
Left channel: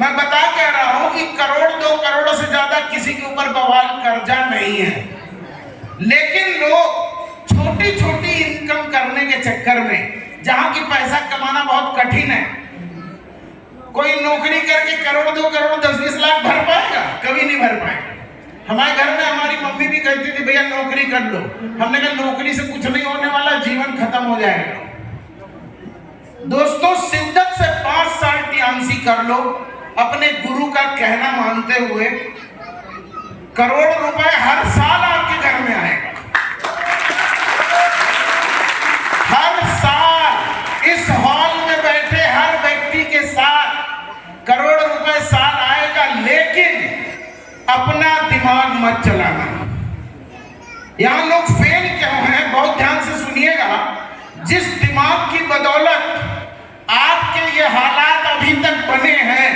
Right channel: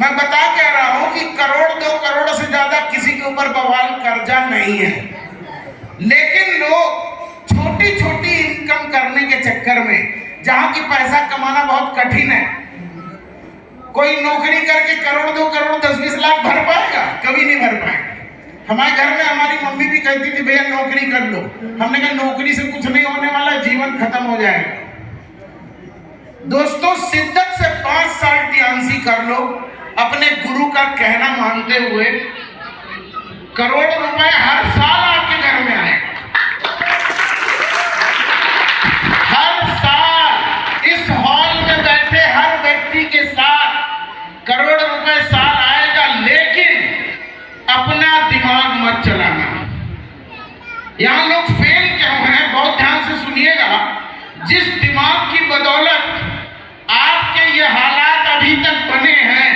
मैं बता कह रहा हूं कि 1-2 करोड़ से ज्यादा किसी के ऊपर बवाल कर्जा नहीं है, लेकिन लोग छोटी छोटी इनकम करने के चक्कर में, जहां की पैसा कमाना बहुत कठिन है, कोई नौकरी करके 1-2 करोड़ 10-20 लाख भर पाएगा? कभी नहीं भर पाएगा। हमारे घर में हमारी मम्मी भी कहती थी भैया नौकरी कर लो। हमने कहा नौकरी से कुछ नहीं होने वाला, जीवन खत्म हो जाएगा। दोस्तों, शिद्दत से 5 साल टियांसी कर लो, अपने गुरु का कहना मानते हुए, करोड़ रुपए हर साल आपके घर में आएगा। हर साल चलाना। यहाँ लोग फेल क्यों हैं, बहुत ध्यान से सुनिएगा। जिस दिमाग की बदौलत आपके ये हालात अभी तक बने हैं,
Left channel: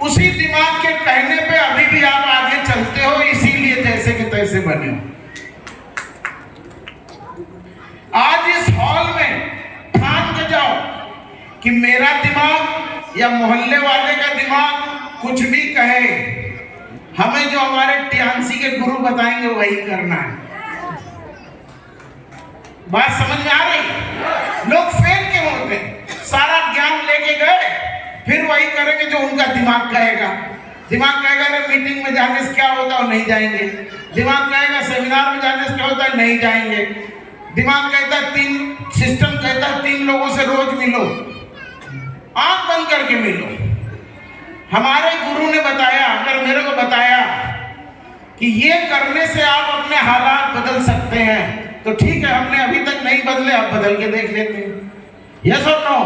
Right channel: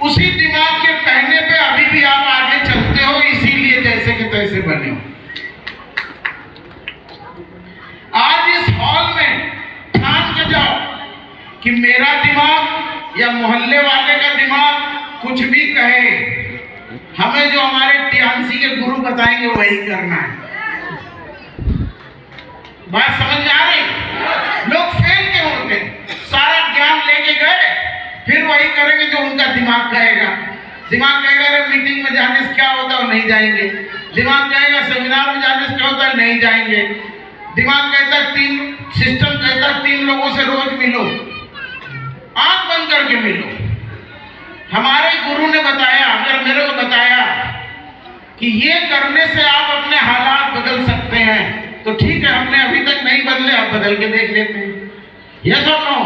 उसी दिमाग के कहने पे अभी भी आप आगे चलते हो, इसीलिए जैसे कि तैसे बने हो। आज इस हॉल में ठान के जाओ कि मेरा दिमाग या मोहल्ले वाले का दिमाग कुछ भी कहे, हमें जो हमारे टियांसी के गुरु बताएंगे वही करना है। बात समझ में आ रही? लोग फेल क्यों होते? सारा ज्ञान लेके गए, फिर वही करेंगे जो उनका दिमाग कहेगा। दिमाग कहेगा अरे मीटिंग में जाने से क्या होता है, नहीं जाएंगे। दिमाग कहेगा सेमिनार में जाने से क्या होता है, नहीं जाएंगे। दिमाग कहता है सिस्टम कहता है 3 लोगों से रोज मिलो, आंख बंद करके मिलो। हमारे गुरु ने बताया, अगर मेरे को बताया कि ये करने से आप अपने हालात बदल सकते हैं, तो ठीक है, हमने अभी तक नहीं बदले, अब बदल के देख लेते हैं। यस और नो?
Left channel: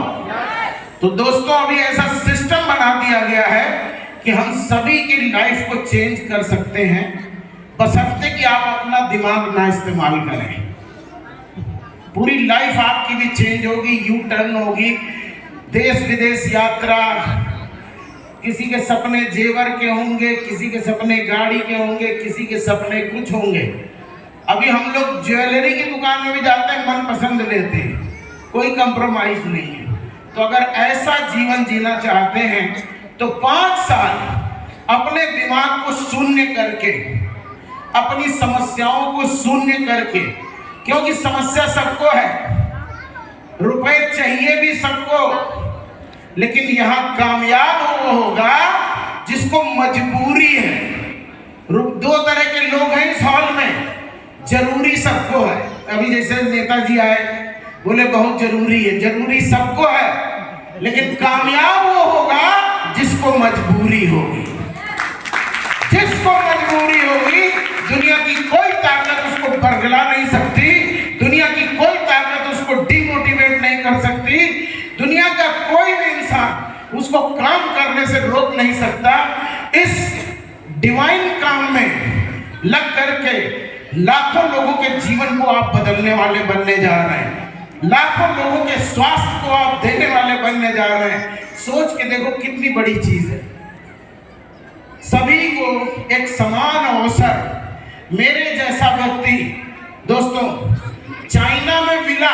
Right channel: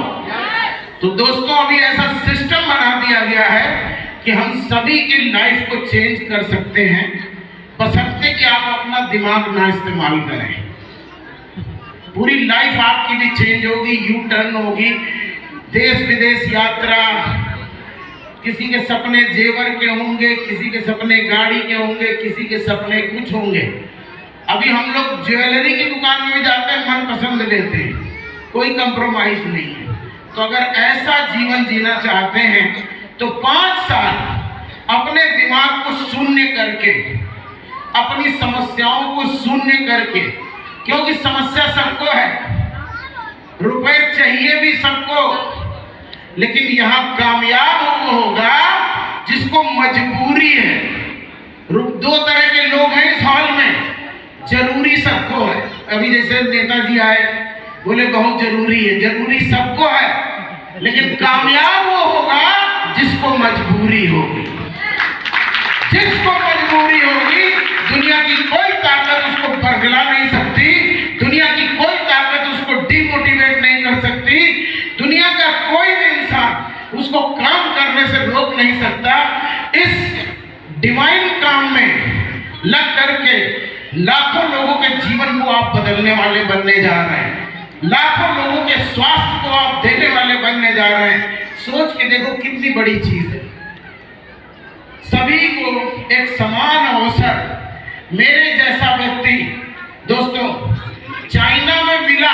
तो दोस्तों, अभी ऐसा सिस्टम बना दिया गया है कि हम सभी की लाइफ को चेंज कर सकते हैं, बशर्ते कि आप अपना दिमाग ना इस्तेमाल करें। पूरी लाइफ आपकी भी चेंज होगी, यू टर्न होगी, देश विदेश यात्रा। किसी के सपने जेवर के होंगे, किसी के सपने गाड़ी के होंगे, किसी के सपने कुछ होंगे। अभी हम लोग ज्वेलरी की दुकान में भी जाते हैं, मन पसंद लेते हैं, कोई कंप्रोमाइज नहीं है। तो अगर ऐसा जीवन जीना चाहते हैं तो 5 साल अपने दिमाग को शून्य करके, अपनी समस्याओं को शून्य करके, क्योंकि समस्या सबको है, रुपए चाहिए भी सबको, लेकिन यहाँ कामयाब वो होगा जिसको मजबूरी है। 2 तरह के लोग हैं इस हॉल में, जरूरी सबको है। अभी जैसे नेताजी आए, बोले बहुत जरूरी है, जरूरी सबको है, लेकिन कामयाब वो होगा जिसको मजबूरी होगी। जिसको मजबूरी होगी, दुनिया की कोई ताकत उसको बरगला नहीं सकती, दुनिया की कोई ताकत उसको डिमोटिवेट नहीं कर सकती, दुनिया का कोई भी इंसान उसको काम करने से रोक नहीं सकता। इस डिवाइन काम में लग करके लाखों लोगों के जीवन को आप बदलने वाले बनने जा रहे हैं, लाखों लोगों के स्वास्थ्य को आप देने वाले बनने जा रहे हैं। सोच के देखो कितनी बड़ी चीज है। सभी को एक समान अवसर। मेरे जैसा व्यक्ति दोस्तों, चाइना में मिला,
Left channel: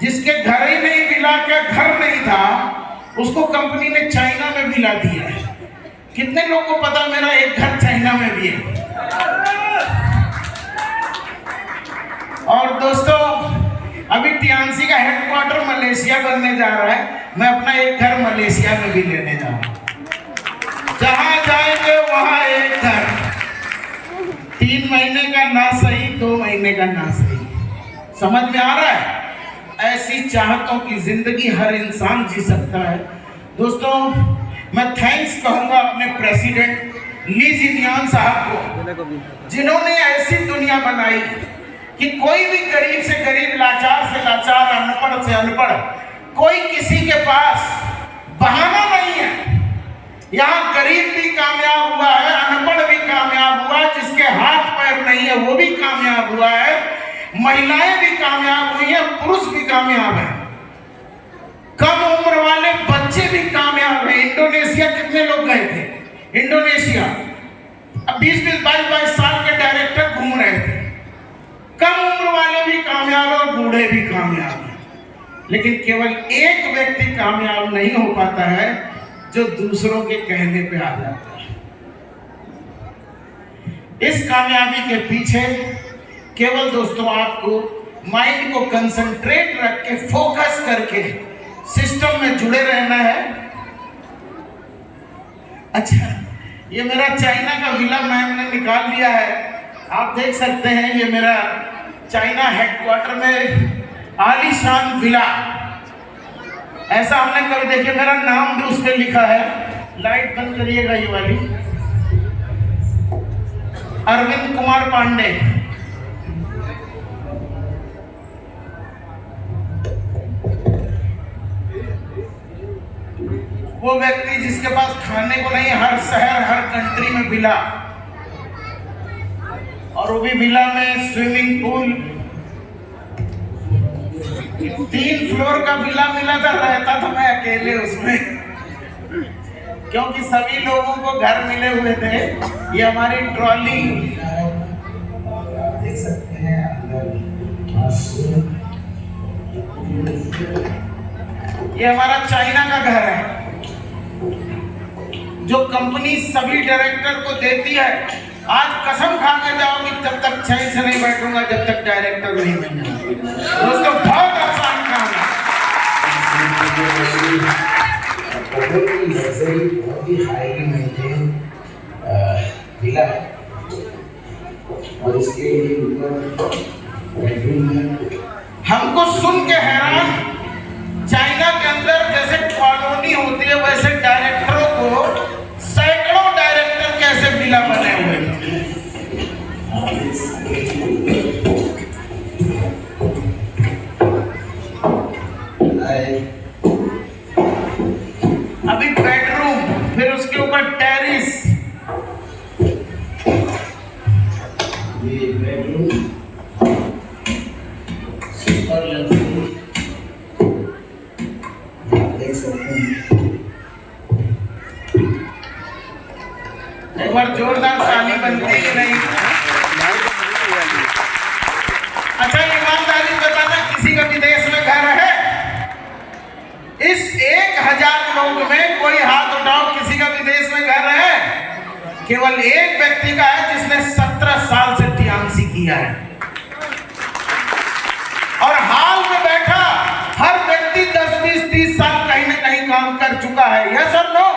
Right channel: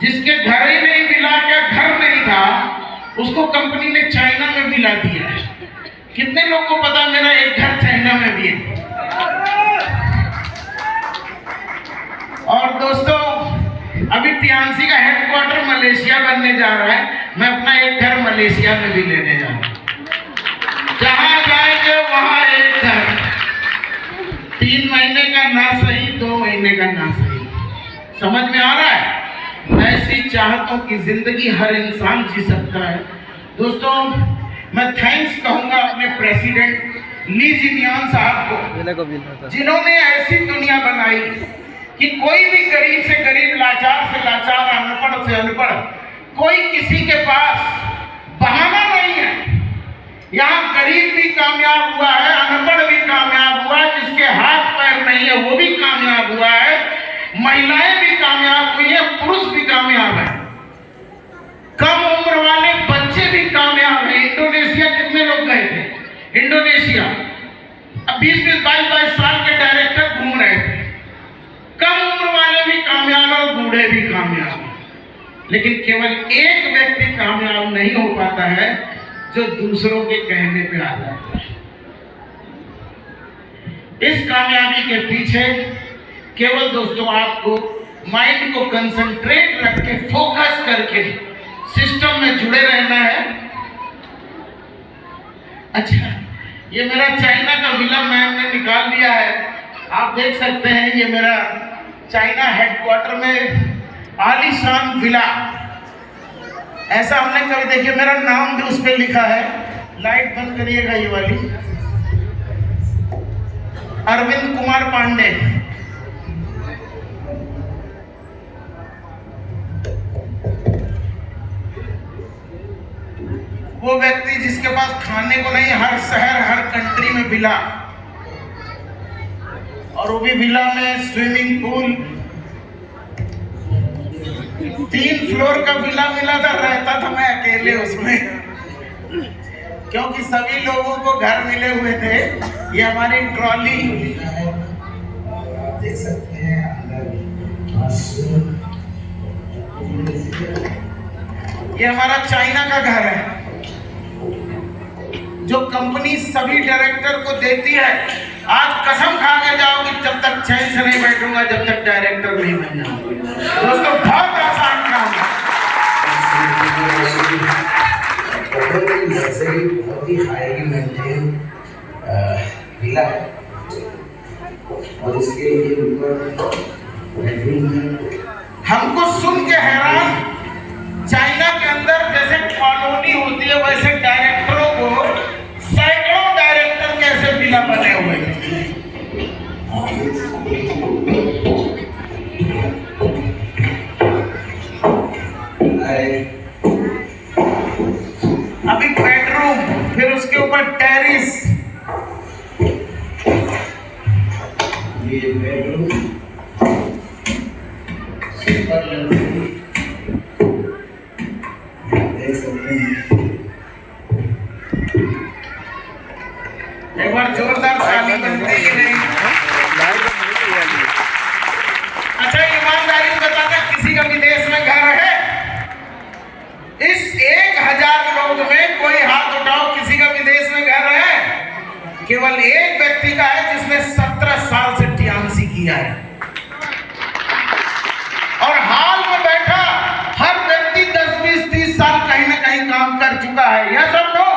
जिसके घर ही नहीं मिला, क्या घर नहीं था, उसको कंपनी ने चाइना में मिला दिया है। कितने लोगों को पता मेरा एक घर चाइना में भी है? और दोस्तों, अभी टियांसी का हेडक्वार्टर मलेशिया बनने जा रहा है, मैं अपना एक घर मलेशिया में भी लेने जा रहा हूं। जहां जाएंगे वहां एक घर, 3 महीने का ना सही, 2 महीने का ना सही। समझ में आ रहा है? ऐसी चाहतों की जिंदगी हर इंसान जी सकता है। दोस्तों, मैं थैंक्स कहूंगा अपने प्रेसिडेंट ली जिनियान साहब को, जिन्होंने ऐसी दुनिया बनाई कि कोई भी गरीब से गरीब, लाचार से लाचार, अनपढ़ से अनपढ़, कोई किसी के पास बहाना नहीं है। यहाँ गरीब भी कामयाब हुआ है, अनपढ़ भी कामयाब हुआ है, जिसके हाथ पैर नहीं है वो भी कामयाब हुआ है, महिलाएं भी कामयाब हुई है, पुरुष भी कामयाब है, कम उम्र वाले बच्चे भी कामयाब है। इंडोनेशिया कितने लोग गए थे? इंडोनेशिया 20-20, 22-22 साल के डायरेक्टर घूम रहे थे। कम उम्र वाले भी कामयाब है, बूढ़े भी कामयाब है, लेकिन केवल एक व्यक्ति कामयाब नहीं हो पाता है जो दूसरों के कहने पे आ जाता है। इस कामयाबी के पीछे केवल दोस्तों आपको माइंड को कंसंट्रेट रख के, फोकस करके सिस्टम में जुड़े रहना है। अच्छा, ये मेरा चाइना का विला मैम ने निकाल लिया है, आप देख सकते हैं। ये मेरा चाइना हेडक्वार्टर में आलीशान विला, ऐसा हमने कभी देखिए, मेरा नाम भी उस पर लिखा है। लाइट बंद करिएगा ये वाली, अरविंद कुमार पांडे। वो व्यक्ति जिसके पास खाने को नहीं, हर शहर हर कंट्री में विला। और वो भी विला में स्विमिंग पूल, 3 फ्लोर का विला मिला था, रहता था मैं अकेले उसमें, क्योंकि सभी लोगों को घर मिले हुए थे। ये हमारी ट्रॉली देख सकते हैं अंदर, ये हमारा चाइना का घर है, जो कंपनी सभी डायरेक्टर को देती है। आज कसम खा के जाओ कि जब तक चैन से नहीं बैठूंगा जब तक डायरेक्टर नहीं बन जाऊंगा। दोस्तों बहुत आसान काम है, बहुत ही लग्जरी, बहुत ही हाईली मेंटेन विला है और इसके लिए ऊपर बेडरूम है। हमको सुन के हैरान, चाइना के अंदर जैसे कॉलोनी होती है वैसे डायरेक्टरों को सैकड़ों डायरेक्टर कैसे विला बने हुए हैं। अभी बेडरूम, फिर उसके ऊपर टेरिस, ये बेडरूम सुपर लग्जरी देख सकते हैं। एक बार जोरदार ताली बनती है नहीं? अच्छा ईमानदारी बताना, किसी का विदेश में घर है? इस 1000 लोग में कोई हाथ उठाओ, किसी का विदेश में घर है? केवल एक व्यक्ति का है जिसने 17 साल से टियांसी किया है, और हाल में बैठा हर व्यक्ति 10, 20, 30 साल कहीं ना कहीं काम कर चुका है। यह सब नो,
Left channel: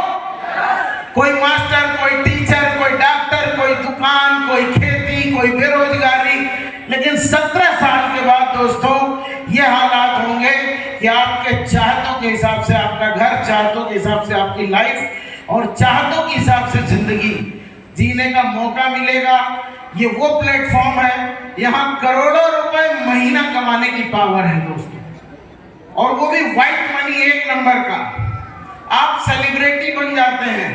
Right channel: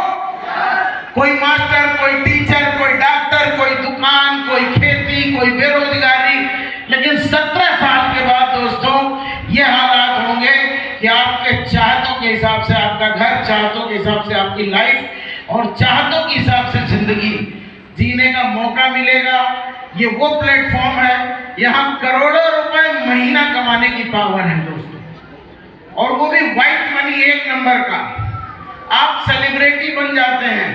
कोई मास्टर, कोई टीचर, कोई डॉक्टर, कोई दुकान, कोई खेती, कोई बेरोजगारी, लेकिन 17 साल के बाद दोस्तों ये हालात होंगे कि आपके चाहतों के हिसाब से आपका घर, चाहतों के हिसाब से आपकी लाइफ और चाहतों के हिसाब से जिंदगी जीने का मौका मिलेगा। ये वो प्लेटफॉर्म है, यहाँ करोड़ों रुपए महीना कमाने की पावर है दोस्तों, और वो भी व्हाइट मनी 1 नंबर का। आप सेलिब्रिटी बन जाते हैं।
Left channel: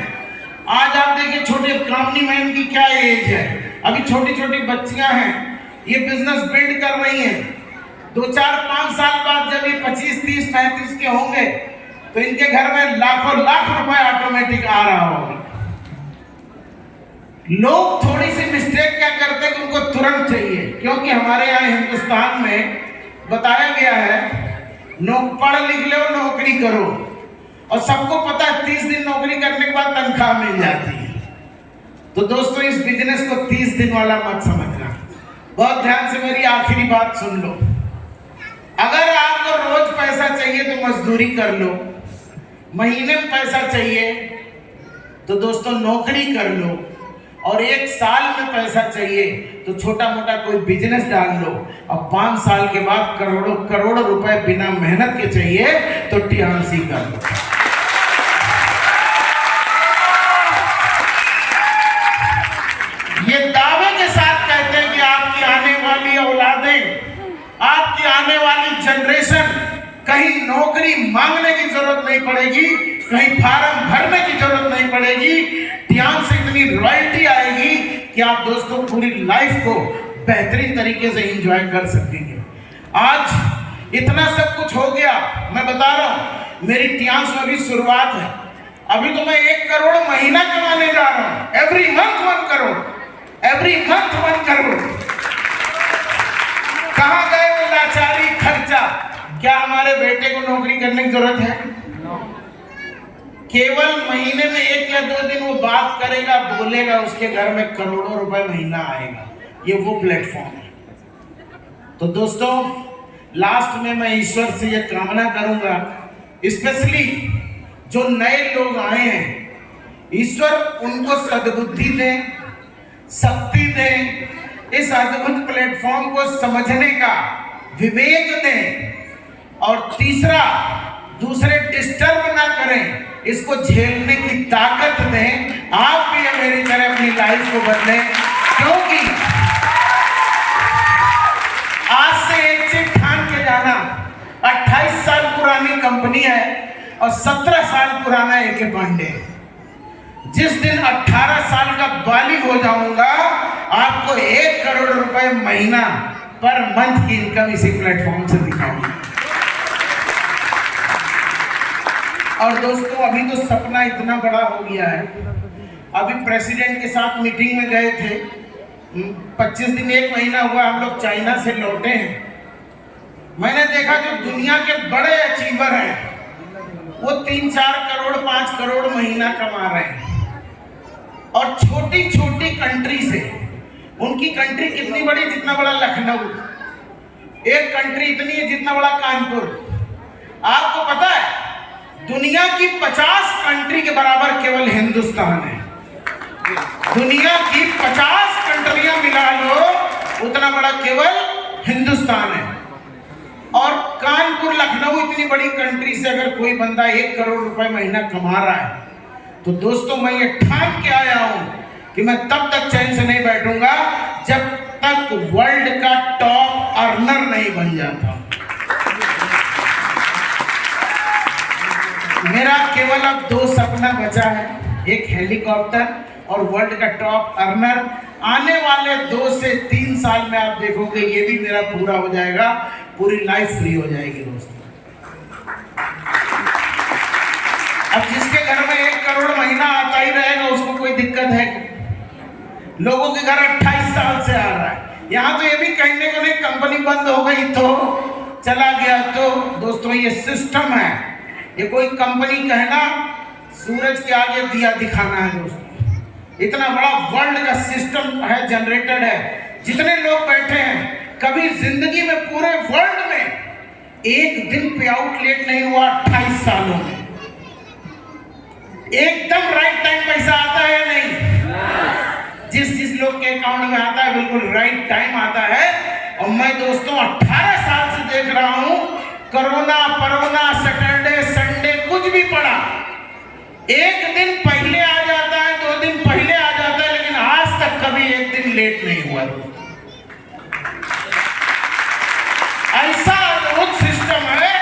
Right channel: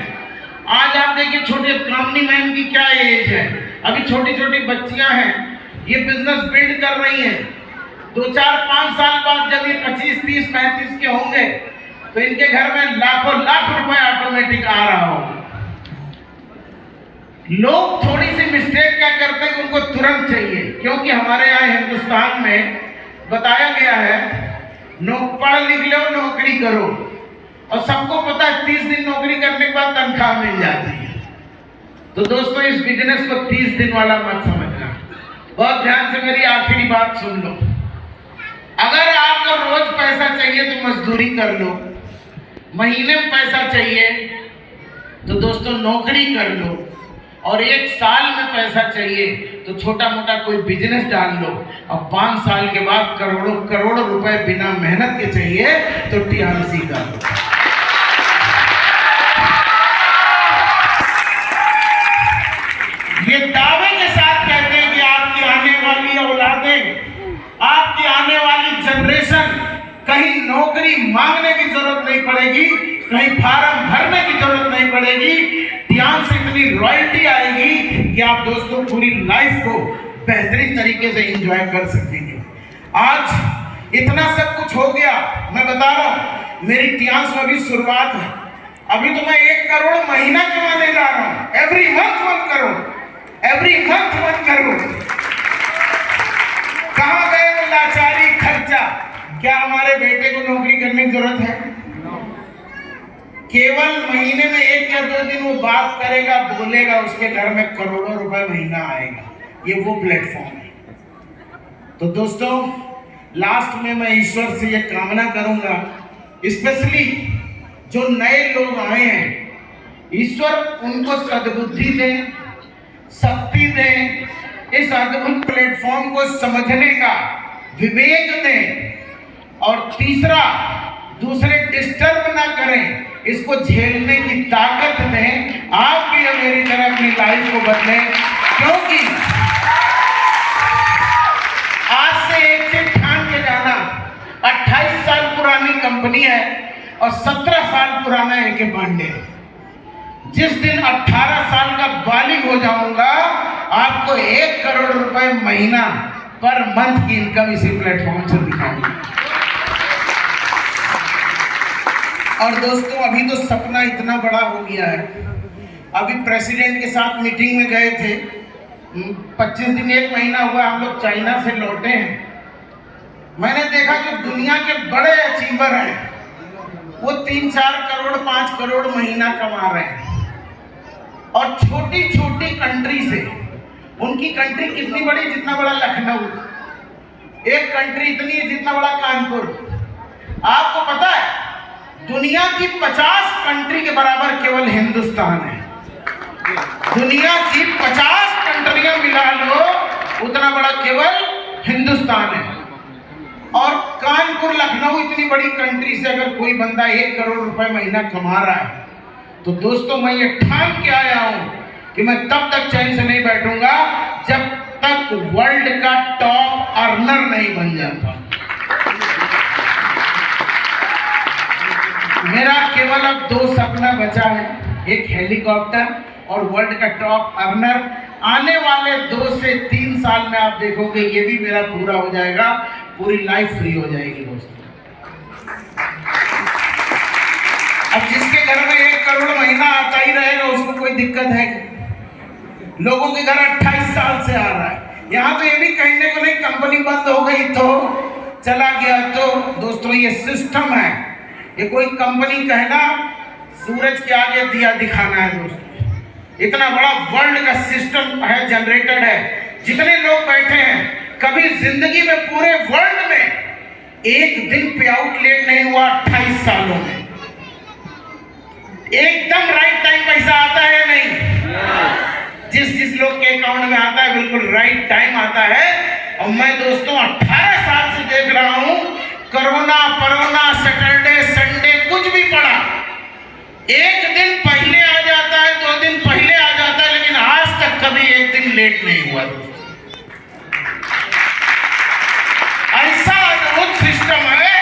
आज आप देखिए छोटे कामनी मैन की क्या एज है, अभी छोटी छोटी बच्चियां हैं, ये बिजनेस बिल्ड कर रही हैं। 2, 4, 5 साल बाद जब ये 25, 30, 35 के होंगे तो इनके घर में लाखों लाख रुपए ऑटोमेटिक आ रहा होगा। लोग थोड़ी सी मिस्टेक क्या करते हैं कि उनको तुरंत चाहिए, क्योंकि हमारे यहाँ हिंदुस्तान में बताया गया है पढ़ लिख लो नौकरी करो, और सबको पता है 30 दिन नौकरी करने के बाद तनख्वाह मिल जाती है। तो दोस्तों इस बिजनेस को 30 दिन वाला मत समझना। बहुत ध्यान से मेरी आखिरी बात सुन लो। अगर आपको रोज पैसा चाहिए तो मजदूरी कर लो, महीने में पैसा चाहिए तो दोस्तों नौकरी कर लो, और 1 साल में पैसा चाहिए तो छोटा मोटा कोई बिजनेस डाल लो, और 5 साल के बाद करोड़ों करोड़ों रुपए बिना मेहनत के चाहिए तो टियांसी कर लो। ये दावे के साथ कहते हैं कि आपकी आने वाली औलादें, आपकी आने वाली जनरेशन कहीं नौकरी मांगने की जरूरत नहीं पड़ेगी, कहीं फार्म भरने की जरूरत नहीं पड़ेगी। टियांस से इतनी रॉयल्टी आएगी कि आप दोस्तों पूरी लाइफ को बेहतरीन तरीके से एंजॉय कर सकेंगे। आज इतना सब कुछ हो गया, मैं बता रहा हूं मेरी टियांस में अभी शुरुआत है। अभी तो मैं 1 करोड़ महीना कमाने जा रहा हूं, every month 1 crore, every month 1 crore. कहां गए वो लाचारी खर्चा? क्या हमारे बेटे को नौकरी करने की जरूरत है? केवल महीने में 1 या 2 दिन वो बात करेगा, बोलेगा, उसके घर में करोड़ों रुपए महीना आएगा। ये वो प्लेटफॉर्म है। तो दोस्तों लास्ट में मैं ईश्वर से ये कामना करूंगा, स्पेशली जो नए लोग आए हैं, ईश्वर उनको सद्बुद्धि दें, शक्ति दें, इस अद्भुत प्लेटफॉर्म को समझने का विवेक दें, और तीसरा दूसरे डिस्टर्ब ना करें, इसको झेलने की ताकत दें। आप भी मेरी तरह अपनी लाइफ को बदलें, क्योंकि आज से एक चीज ठान के जाना, 28 साल पुरानी कंपनी है और 17 साल पुराना AK पांडे। जिस दिन 18 साल का बालिग हो जाऊंगा, आपको 1 करोड़ रुपए महीना पर मंथ की इनकम इसी प्लेटफॉर्म से दिखाऊंगा। और दोस्तों अभी तो सपना इतना बड़ा हो गया है, अभी प्रेसिडेंट के साथ मीटिंग में गए थे, 25 दिन 1 महीना हुआ हम लोग चाइना से लौटे हैं। मैंने देखा जो दुनिया के बड़े अचीवर हैं वो 3-4 करोड़ 5 करोड़ महीना कमा रहे हैं, और छोटी छोटी कंट्री से, उनकी कंट्री कितनी बड़ी, जितना बड़ा लखनऊ, एक कंट्री इतनी है जितना बड़ा कानपुर। आपको पता है दुनिया की 50 कंट्री के बराबर केवल हिंदुस्तान है। दुनिया की 50 कंट्रियां मिला लो उतना बड़ा केवल हिंदुस्तान है। और कानपुर लखनऊ इतनी बड़ी कंट्री से अगर कोई बंदा 1 करोड़ रुपए महीना कमा रहा है, तो दोस्तों मैं ये ठान के आया हूं कि मैं तब तक चैन से नहीं बैठूंगा जब तक वर्ल्ड का टॉप अर्नर नहीं बन जाता। मेरा केवल अब 2 सपना बचा है, एक हेलीकॉप्टर और वर्ल्ड का टॉप अर्नर। आने वाले 2 से 3 साल में आप देखोगे ये भी मेरा पूरा हो जाएगा, पूरी लाइफ फ्री हो जाएगी दोस्तों। अब जिसके घर में 1 करोड़ महीना आता ही रहेगा उसको कोई दिक्कत है? लोगों के घर 28 साल से आ रहा है। यहाँ तो ये भी कहने को नहीं कंपनी बंद हो गई तो चला गया, तो दोस्तों ये सिस्टम है। ये कोई कंपनी कहना सूरज के आगे दिया दिखाना है दोस्तों। इतना बड़ा वर्ल्ड का सिस्टम है, जनरेटेड है। जितने लोग बैठे हैं कभी जिंदगी में पूरे वर्ल्ड में एक दिन पे आउट लेट नहीं हुआ 28 सालों में। एकदम राइट टाइम पैसा आता है या नहीं? जिस लोग के अकाउंट में आता है बिल्कुल राइट टाइम आता है। और मैं दोस्तों 18 साल से देख रहा हूं, कोरोना परोना सैटरडे संडे कुछ भी पड़ा, 1 दिन पहले आ जाता है, 2 दिन पहले आ जाता है, लेकिन आज तक कभी 1 दिन लेट नहीं हुआ। ऐसा अद्भुत सिस्टम है,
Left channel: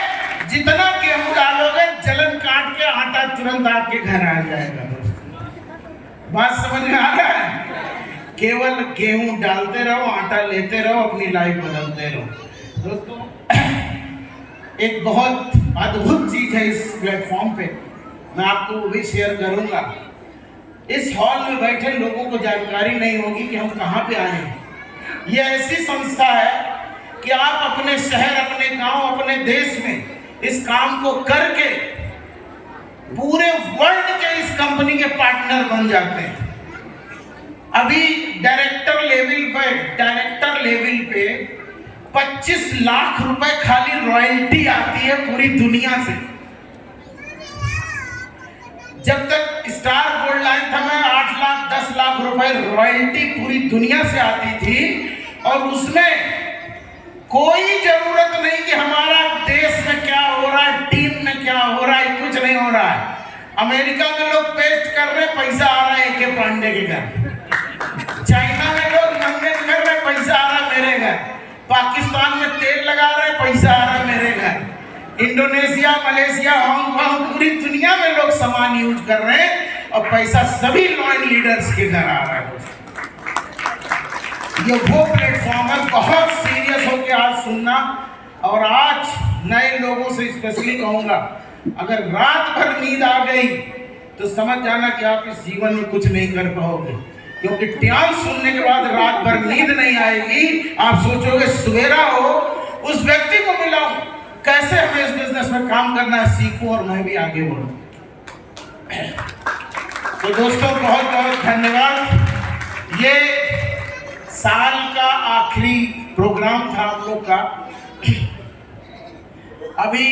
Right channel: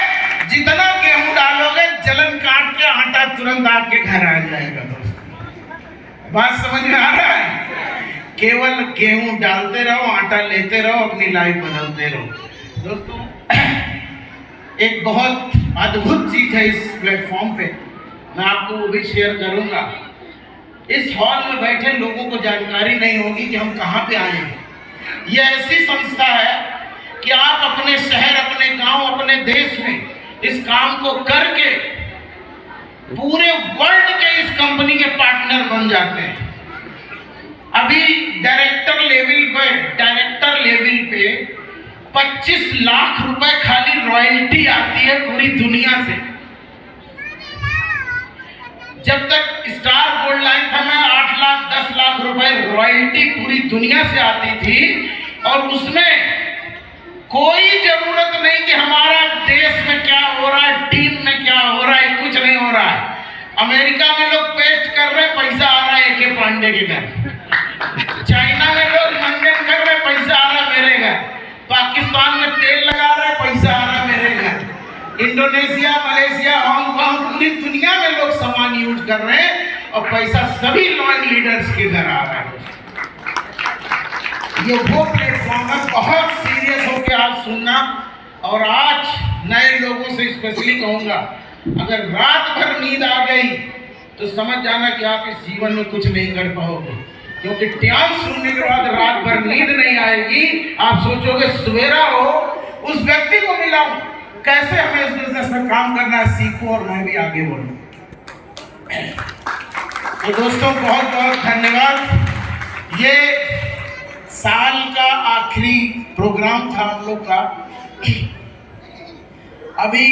जितना गेहूं डालोगे जलन काट के आटा तुरंत आपके घर आ जाएगा दोस्तों। बात समझ में आ रहा है? केवल गेहूं डालते रहो, आटा लेते रहो, अपनी लाइफ बदलते रहो। दोस्तों एक बहुत अद्भुत चीज है इस प्लेटफॉर्म पे, मैं आपको वो भी शेयर करूंगा। इस हॉल में बैठे लोगों को जानकारी नहीं होगी कि हम कहाँ पे आए हैं। ये ऐसी संस्था है कि आप अपने शहर, अपने गांव, अपने देश में इस काम को करके पूरे वर्ल्ड के इस कंपनी के पार्टनर बन जाते हैं। अभी डायरेक्टर लेवल पे 25 लाख रुपए खाली रॉयल्टी आती है पूरी दुनिया से। जब तक स्टार गोल्ड लाइन था मैं 8 लाख 10 लाख रुपए रॉयल्टी पूरी दुनिया से आती थी, और उसमें कोई जरूरत नहीं कि हमारा देश में क्या हो रहा है, टीम में क्या हो रहा है, कुछ नहीं हो रहा है। अमेरिका में लोग पेस्ट कर रहे, पैसा आ रहा है AK पांडे के घर। चाइना में लोग मंगन कर रहे, पैसा आ रहा है मेरे घर। पाकिस्तान में तेल लगा रहे, पैसा आ रहा है मेरे घर। इंडोनेशिया, मलेशिया, हांगकांग, पूरी दुनिया में लोग सामान यूज कर रहे हैं और पैसा सभी लॉइन लीडर्स के घर आ रहा है। ये वो प्लेटफॉर्म है, बहुत सीरियस होकर आज सुनना। और आज नए लोगों से स्पेशली कहूँगा, अगर रात भर नींद आ गई तो समझ जाना कि आप इस जीवन में कुछ नहीं कर पाओगे, क्योंकि ध्यान सुनने के बाद रात भर नींद नहीं आएगी। आप सोचोगे सवेरा हो, उस व्यक्ति को मिलाऊं, कैसे हमें इस बिजनेस में काम करना है, सीखूं और मैं भी आगे बढ़ूं। तो दोस्तों बहुत बहुत धन्यवाद। ये साल का आखिरी प्रोग्राम था हम लोग का। अभी